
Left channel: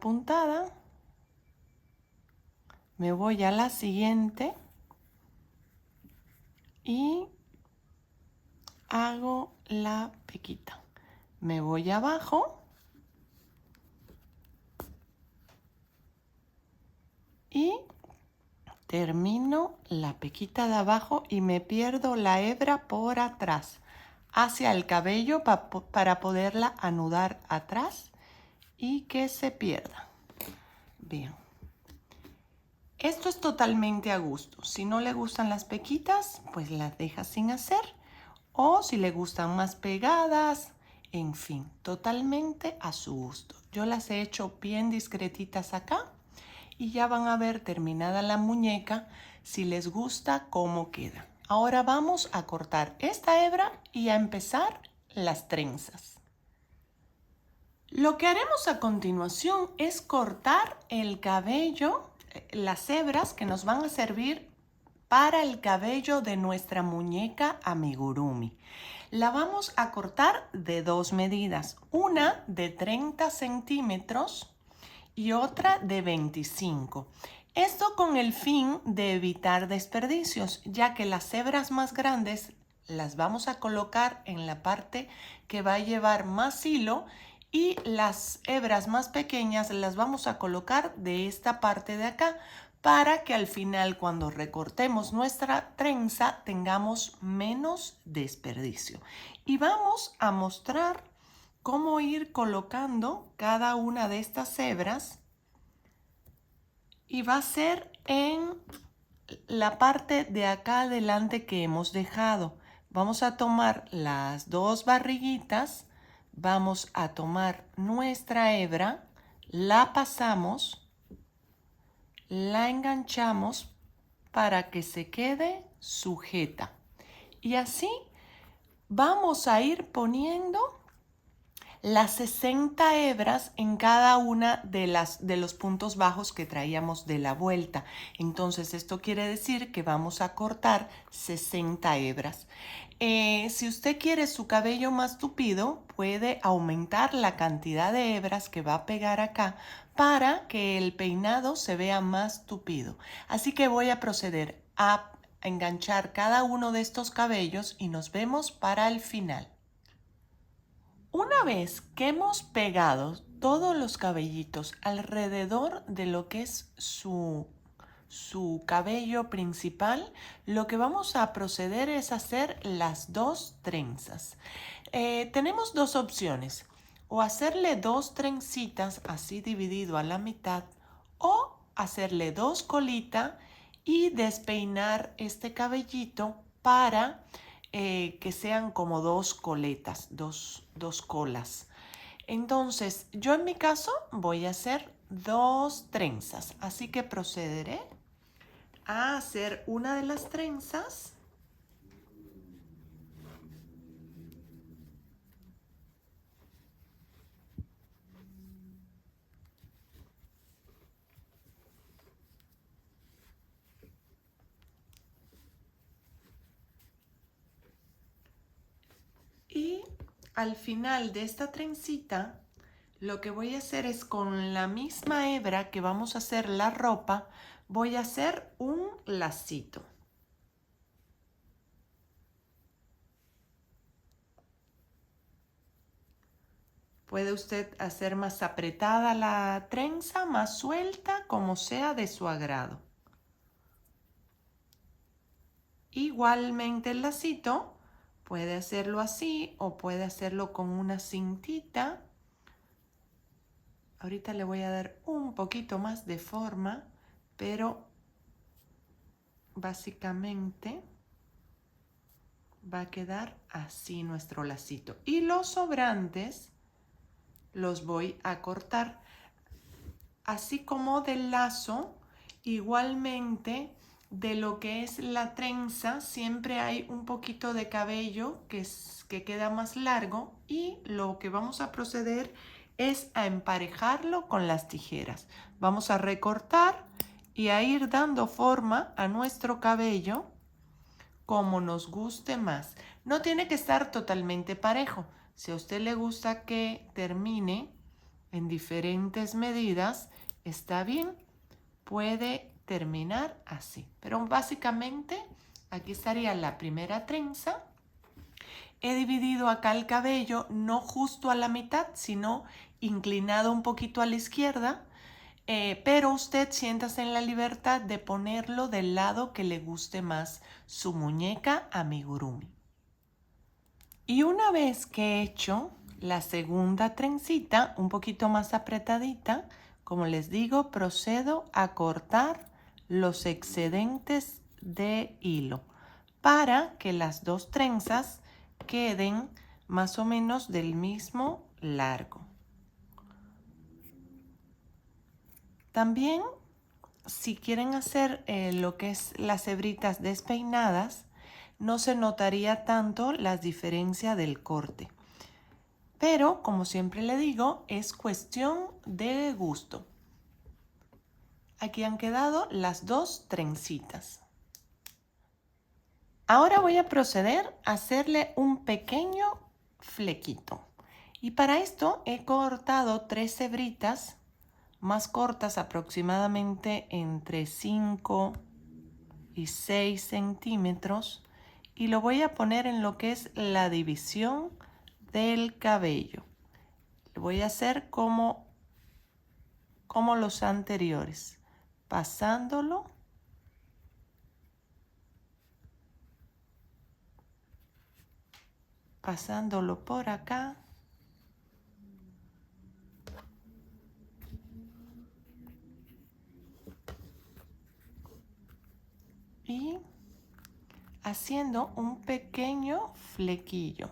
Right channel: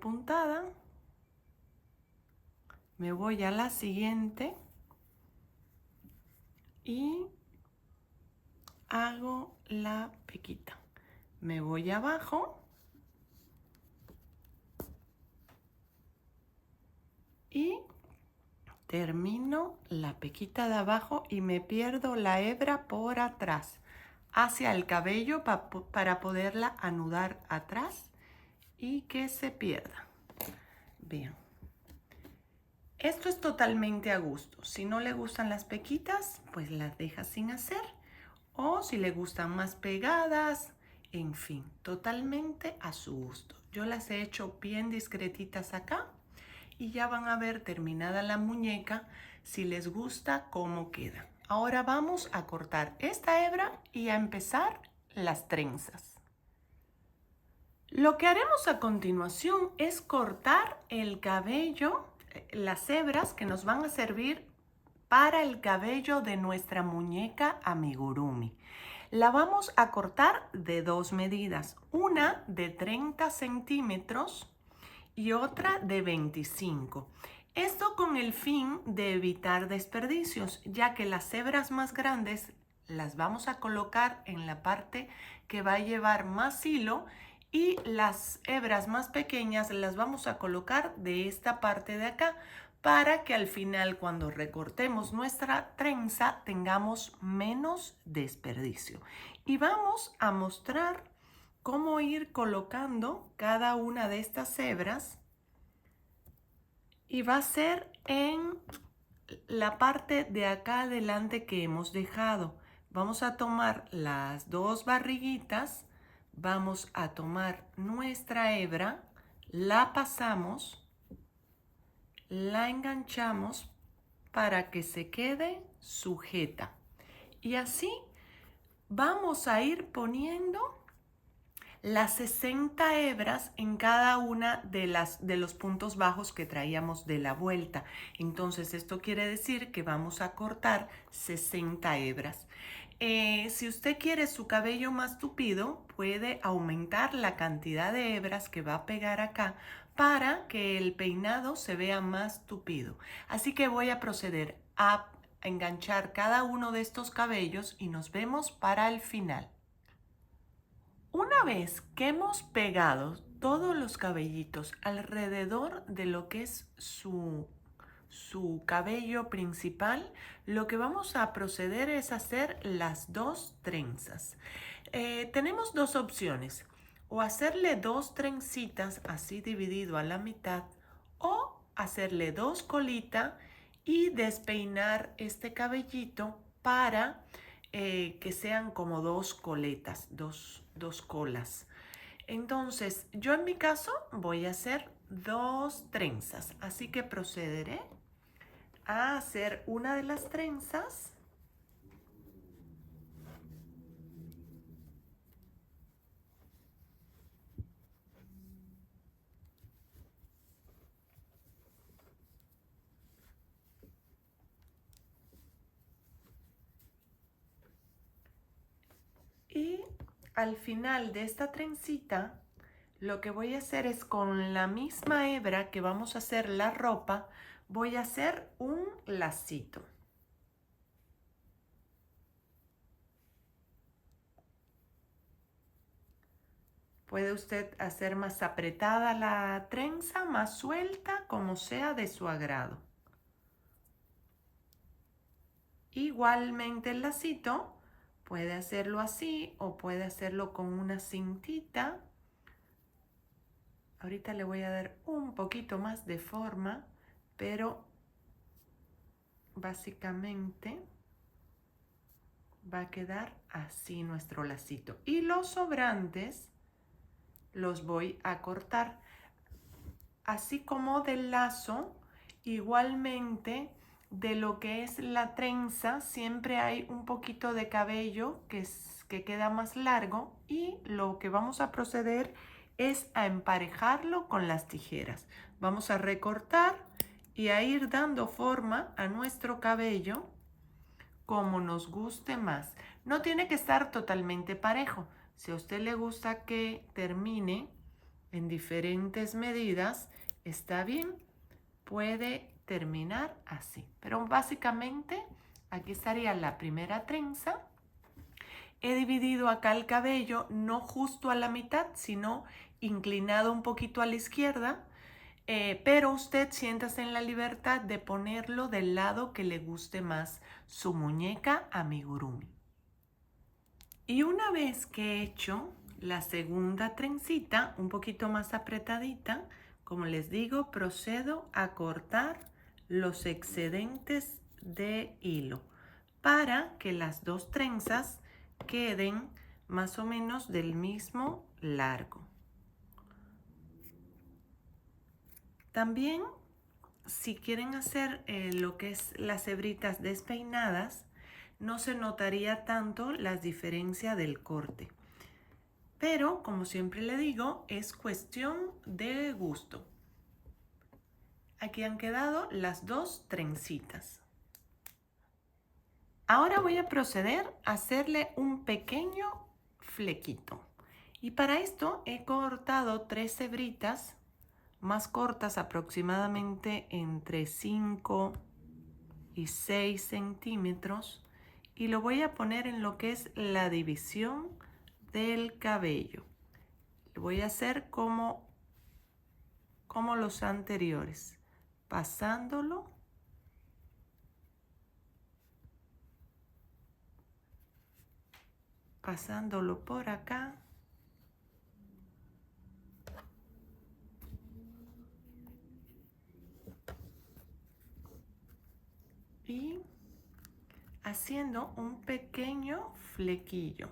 puntada, me voy a la siguiente y hago la pequita. Me voy abajo y termino la pequita de abajo y me pierdo la hebra por atrás hacia el cabello para poderla anudar atrás y que se pierda. Bien. Esto es totalmente a gusto. Si no le gustan las pequitas, pues las deja sin hacer. O si le gustan más pegadas, en fin, totalmente a su gusto. Yo las he hecho bien discretitas acá y ya van a ver terminada la muñeca si les gusta cómo queda. Ahora vamos a cortar esta hebra y a empezar las trenzas. Lo que haremos a continuación es cortar el cabello, las hebras que nos van a servir para el cabello de nuestra muñeca amigurumi. La vamos a cortar de 2 medidas, una de 30 centímetros y otra de 25. Esto con el fin de evitar desperdicios, ya que las hebras más grandes las vamos a colocar en la parte que va a llevar más hilo y las hebras más pequeñas las vamos a colocar de esta parte de acá para que al final, cuando recortemos nuestra trenza, tengamos menos desperdicio. Y vamos a mostrar cómo ir colocando cada una de estas hebras. Y va a ser en la parte de acá adelante que hemos dejado. Vamos a tomar las 2 barriguitas, vamos a tomar nuestra hebra, la pasamos, la enganchamos para que se quede sujeta. Y así vamos a ir poniendo las 60 hebras en cada una de los puntos bajos que traíamos de la vuelta. Entonces esto quiere decir que vamos a cortar 60 hebras. Si usted quiere su cabello más tupido, puede aumentar la cantidad de hebras que va a pegar acá para que el peinado se vea más tupido. Así que voy a proceder a enganchar cada uno de estos cabellos y nos vemos para el final. Una vez que hemos pegado todos los cabellitos alrededor de lo que es su cabello principal, lo que vamos a proceder es hacer las dos trenzas. Tenemos dos opciones, o hacerle dos trencitas así dividido a la mitad, o hacerle dos colitas y despeinar este cabellito para que sean como dos coletas, dos colas. Entonces, yo en mi caso voy a hacer dos trenzas, así que procederé a hacer una de las trenzas. Y al final de esta trencita, lo que voy a hacer es con la misma hebra que vamos a hacer la ropa, voy a hacer un lacito. Puede usted hacer más apretada la trenza, más suelta, como sea de su agrado. Igualmente el lacito, puede hacerlo así o puede hacerlo con una cintita. Ahorita le voy a dar un poquito más de forma, pero básicamente va a quedar así nuestro lacito. Y los sobrantes los voy a cortar. Así como del lazo, igualmente de lo que es la trenza, siempre hay un poquito de cabello que queda más largo y lo que vamos a proceder es a emparejarlo con las tijeras. Vamos a recortar y a ir dando forma a nuestro cabello como nos guste más. No tiene que estar totalmente parejo. Si a usted le gusta que termine en diferentes medidas, está bien, puede terminar así. Pero básicamente aquí estaría la primera trenza. He dividido acá el cabello no justo a la mitad, sino inclinado un poquito a la izquierda. Pero usted siéntase en la libertad de ponerlo del lado que le guste más su muñeca amigurumi. Y una vez que he hecho la segunda trencita, un poquito más apretadita, como les digo, procedo a cortar los excedentes de hilo para que las dos trenzas queden más o menos del mismo largo. También, si quieren hacer lo que es las hebritas despeinadas, no se notaría tanto la diferencia del corte. Pero, como siempre le digo, es cuestión de gusto. Aquí han quedado las dos trencitas. Ahora voy a proceder a hacerle un pequeño flequito. Y para esto he cortado 3 hebritas más cortas, aproximadamente entre 5 y 6 centímetros, y lo voy a poner en lo que es la división del cabello. Lo voy a hacer como los anteriores, pasándolo por acá. Y haciendo un pequeño flequillo.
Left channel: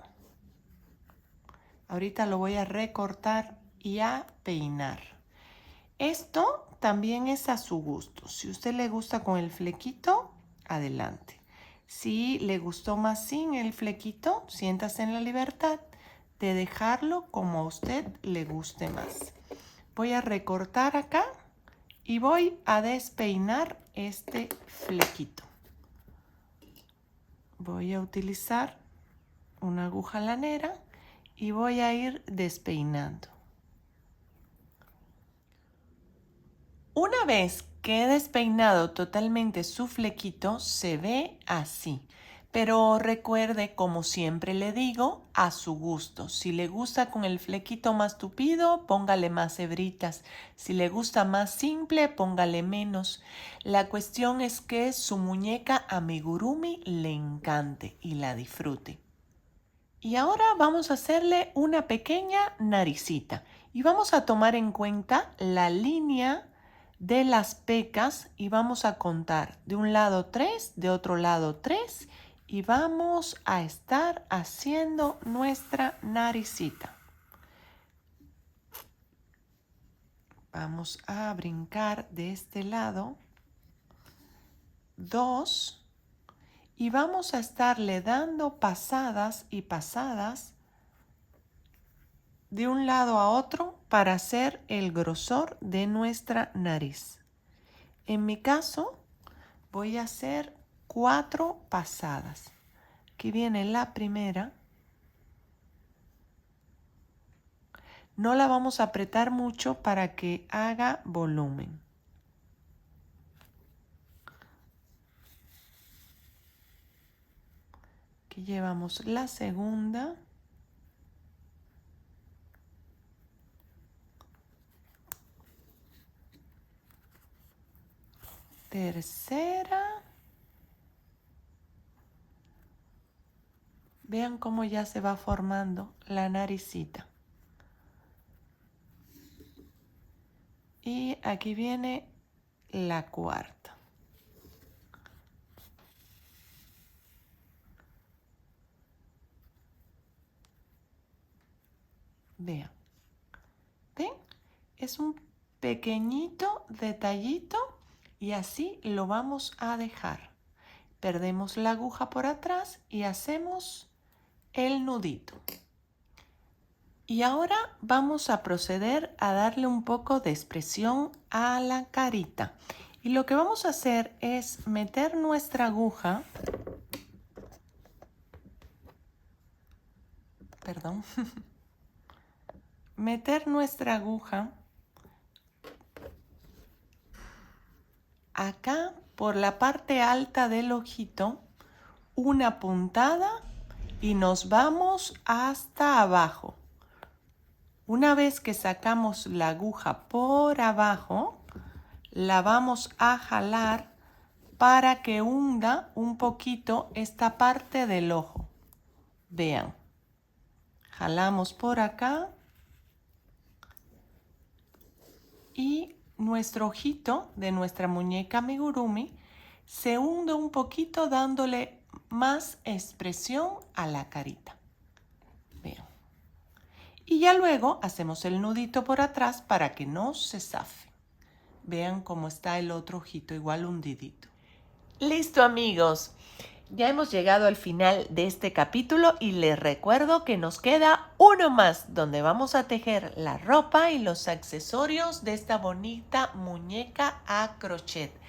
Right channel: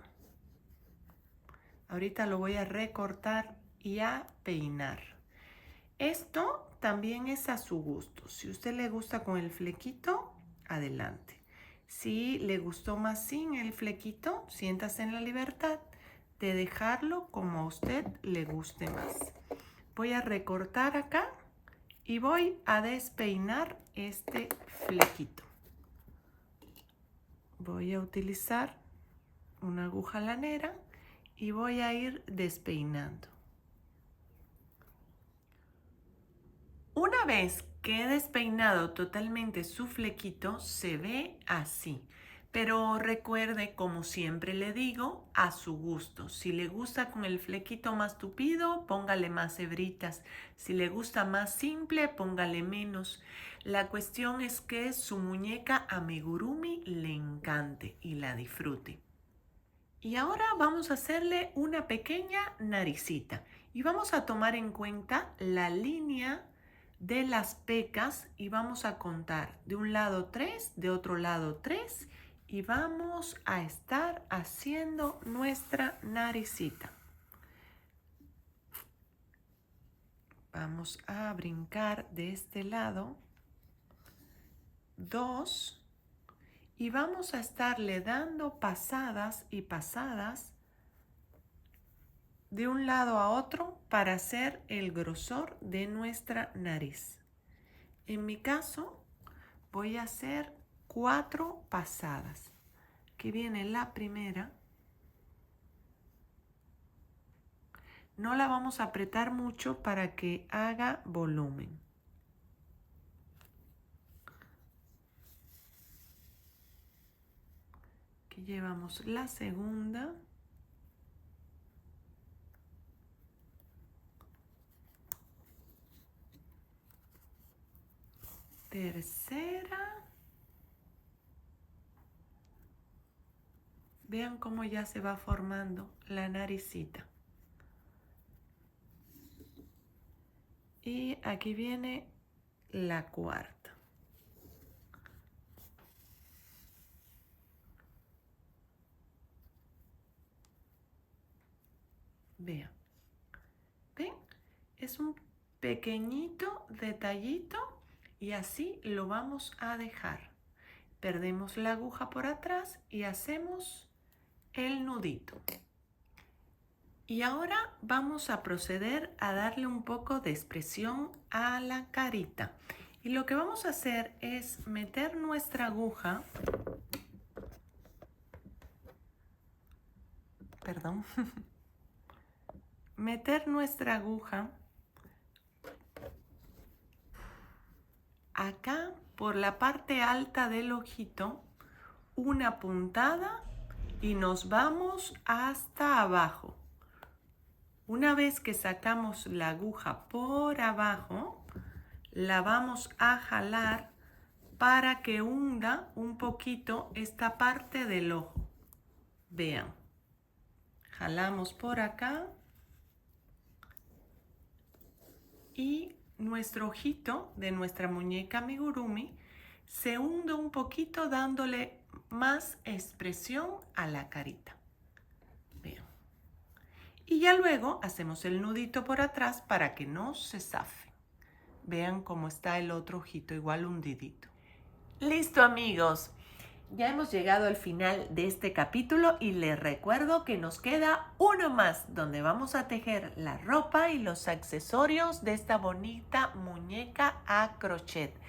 Ahorita lo voy a recortar y a peinar. Esto también es a su gusto. Si a usted le gusta con el flequito, adelante. Si le gustó más sin el flequito, siéntase en la libertad de dejarlo como a usted le guste más. Voy a recortar acá y voy a despeinar este flequito. Voy a utilizar una aguja lanera y voy a ir despeinando. Una vez que he despeinado totalmente su flequito, se ve así. Pero recuerde, como siempre le digo, a su gusto. Si le gusta con el flequito más tupido, póngale más hebritas. Si le gusta más simple, póngale menos. La cuestión es que su muñeca amigurumi le encante y la disfrute. Y ahora vamos a hacerle una pequeña naricita. Y vamos a tomar en cuenta la línea de las pecas y vamos a contar de un lado 3, de otro lado 3 y vamos a estar haciendo nuestra naricita. Vamos a brincar de este lado 2 y vamos a estarle dando pasadas y pasadas de un lado a otro para hacer el grosor de nuestra nariz. En mi caso voy a hacer 4 pasadas. Aquí viene la primera. No la vamos a apretar mucho para que haga volumen. Aquí llevamos la segunda. Tercera. Vean cómo ya se va formando la naricita. Y aquí viene la cuarta. Vean. ¿Ven? Es un pequeñito detallito y así lo vamos a dejar. Perdemos la aguja por atrás y hacemos el nudito. Y ahora vamos a proceder a darle un poco de expresión a la carita. Y lo que vamos a hacer es meter nuestra aguja, perdón, meter nuestra aguja acá por la parte alta del ojito, una puntada y nos vamos hasta abajo. Una vez que sacamos la aguja por abajo, la vamos a jalar para que hunda un poquito esta parte del ojo. Vean, jalamos por acá y nuestro ojito de nuestra muñeca amigurumi se hunde un poquito dándole más expresión a la carita. Vean. Y ya luego hacemos el nudito por atrás para que no se zafe. Vean cómo está el otro ojito igual hundidito. Listo, amigos. Ya hemos llegado al final de este capítulo y les recuerdo que nos queda uno más donde vamos a tejer la ropa y los accesorios de esta bonita muñeca a crochet.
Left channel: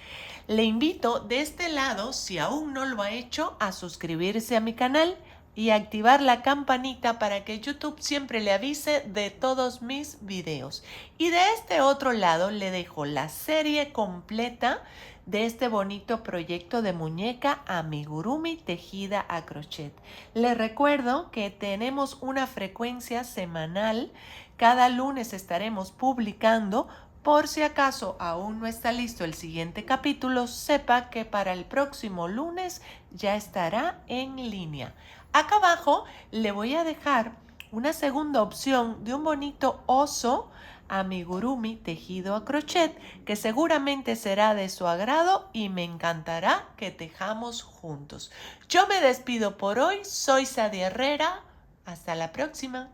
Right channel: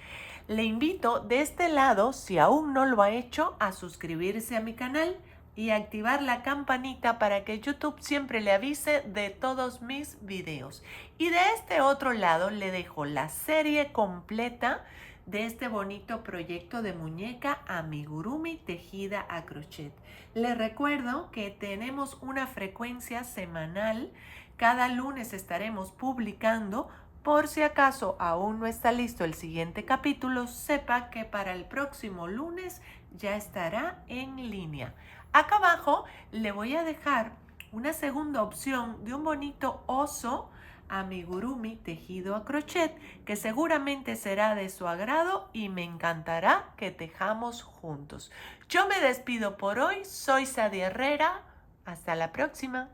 Le invito de este lado, si aún no lo ha hecho, a suscribirse a mi canal y activar la campanita para que YouTube siempre le avise de todos mis videos. Y de este otro lado le dejo la serie completa de este bonito proyecto de muñeca amigurumi tejida a crochet. Les recuerdo que tenemos una frecuencia semanal. Cada lunes estaremos publicando. Por si acaso aún no está listo el siguiente capítulo, sepa que para el próximo lunes ya estará en línea. Acá abajo le voy a dejar una segunda opción de un bonito oso amigurumi tejido a crochet que seguramente será de su agrado y me encantará que tejamos juntos. Yo me despido por hoy, soy Sadia Herrera, hasta la próxima.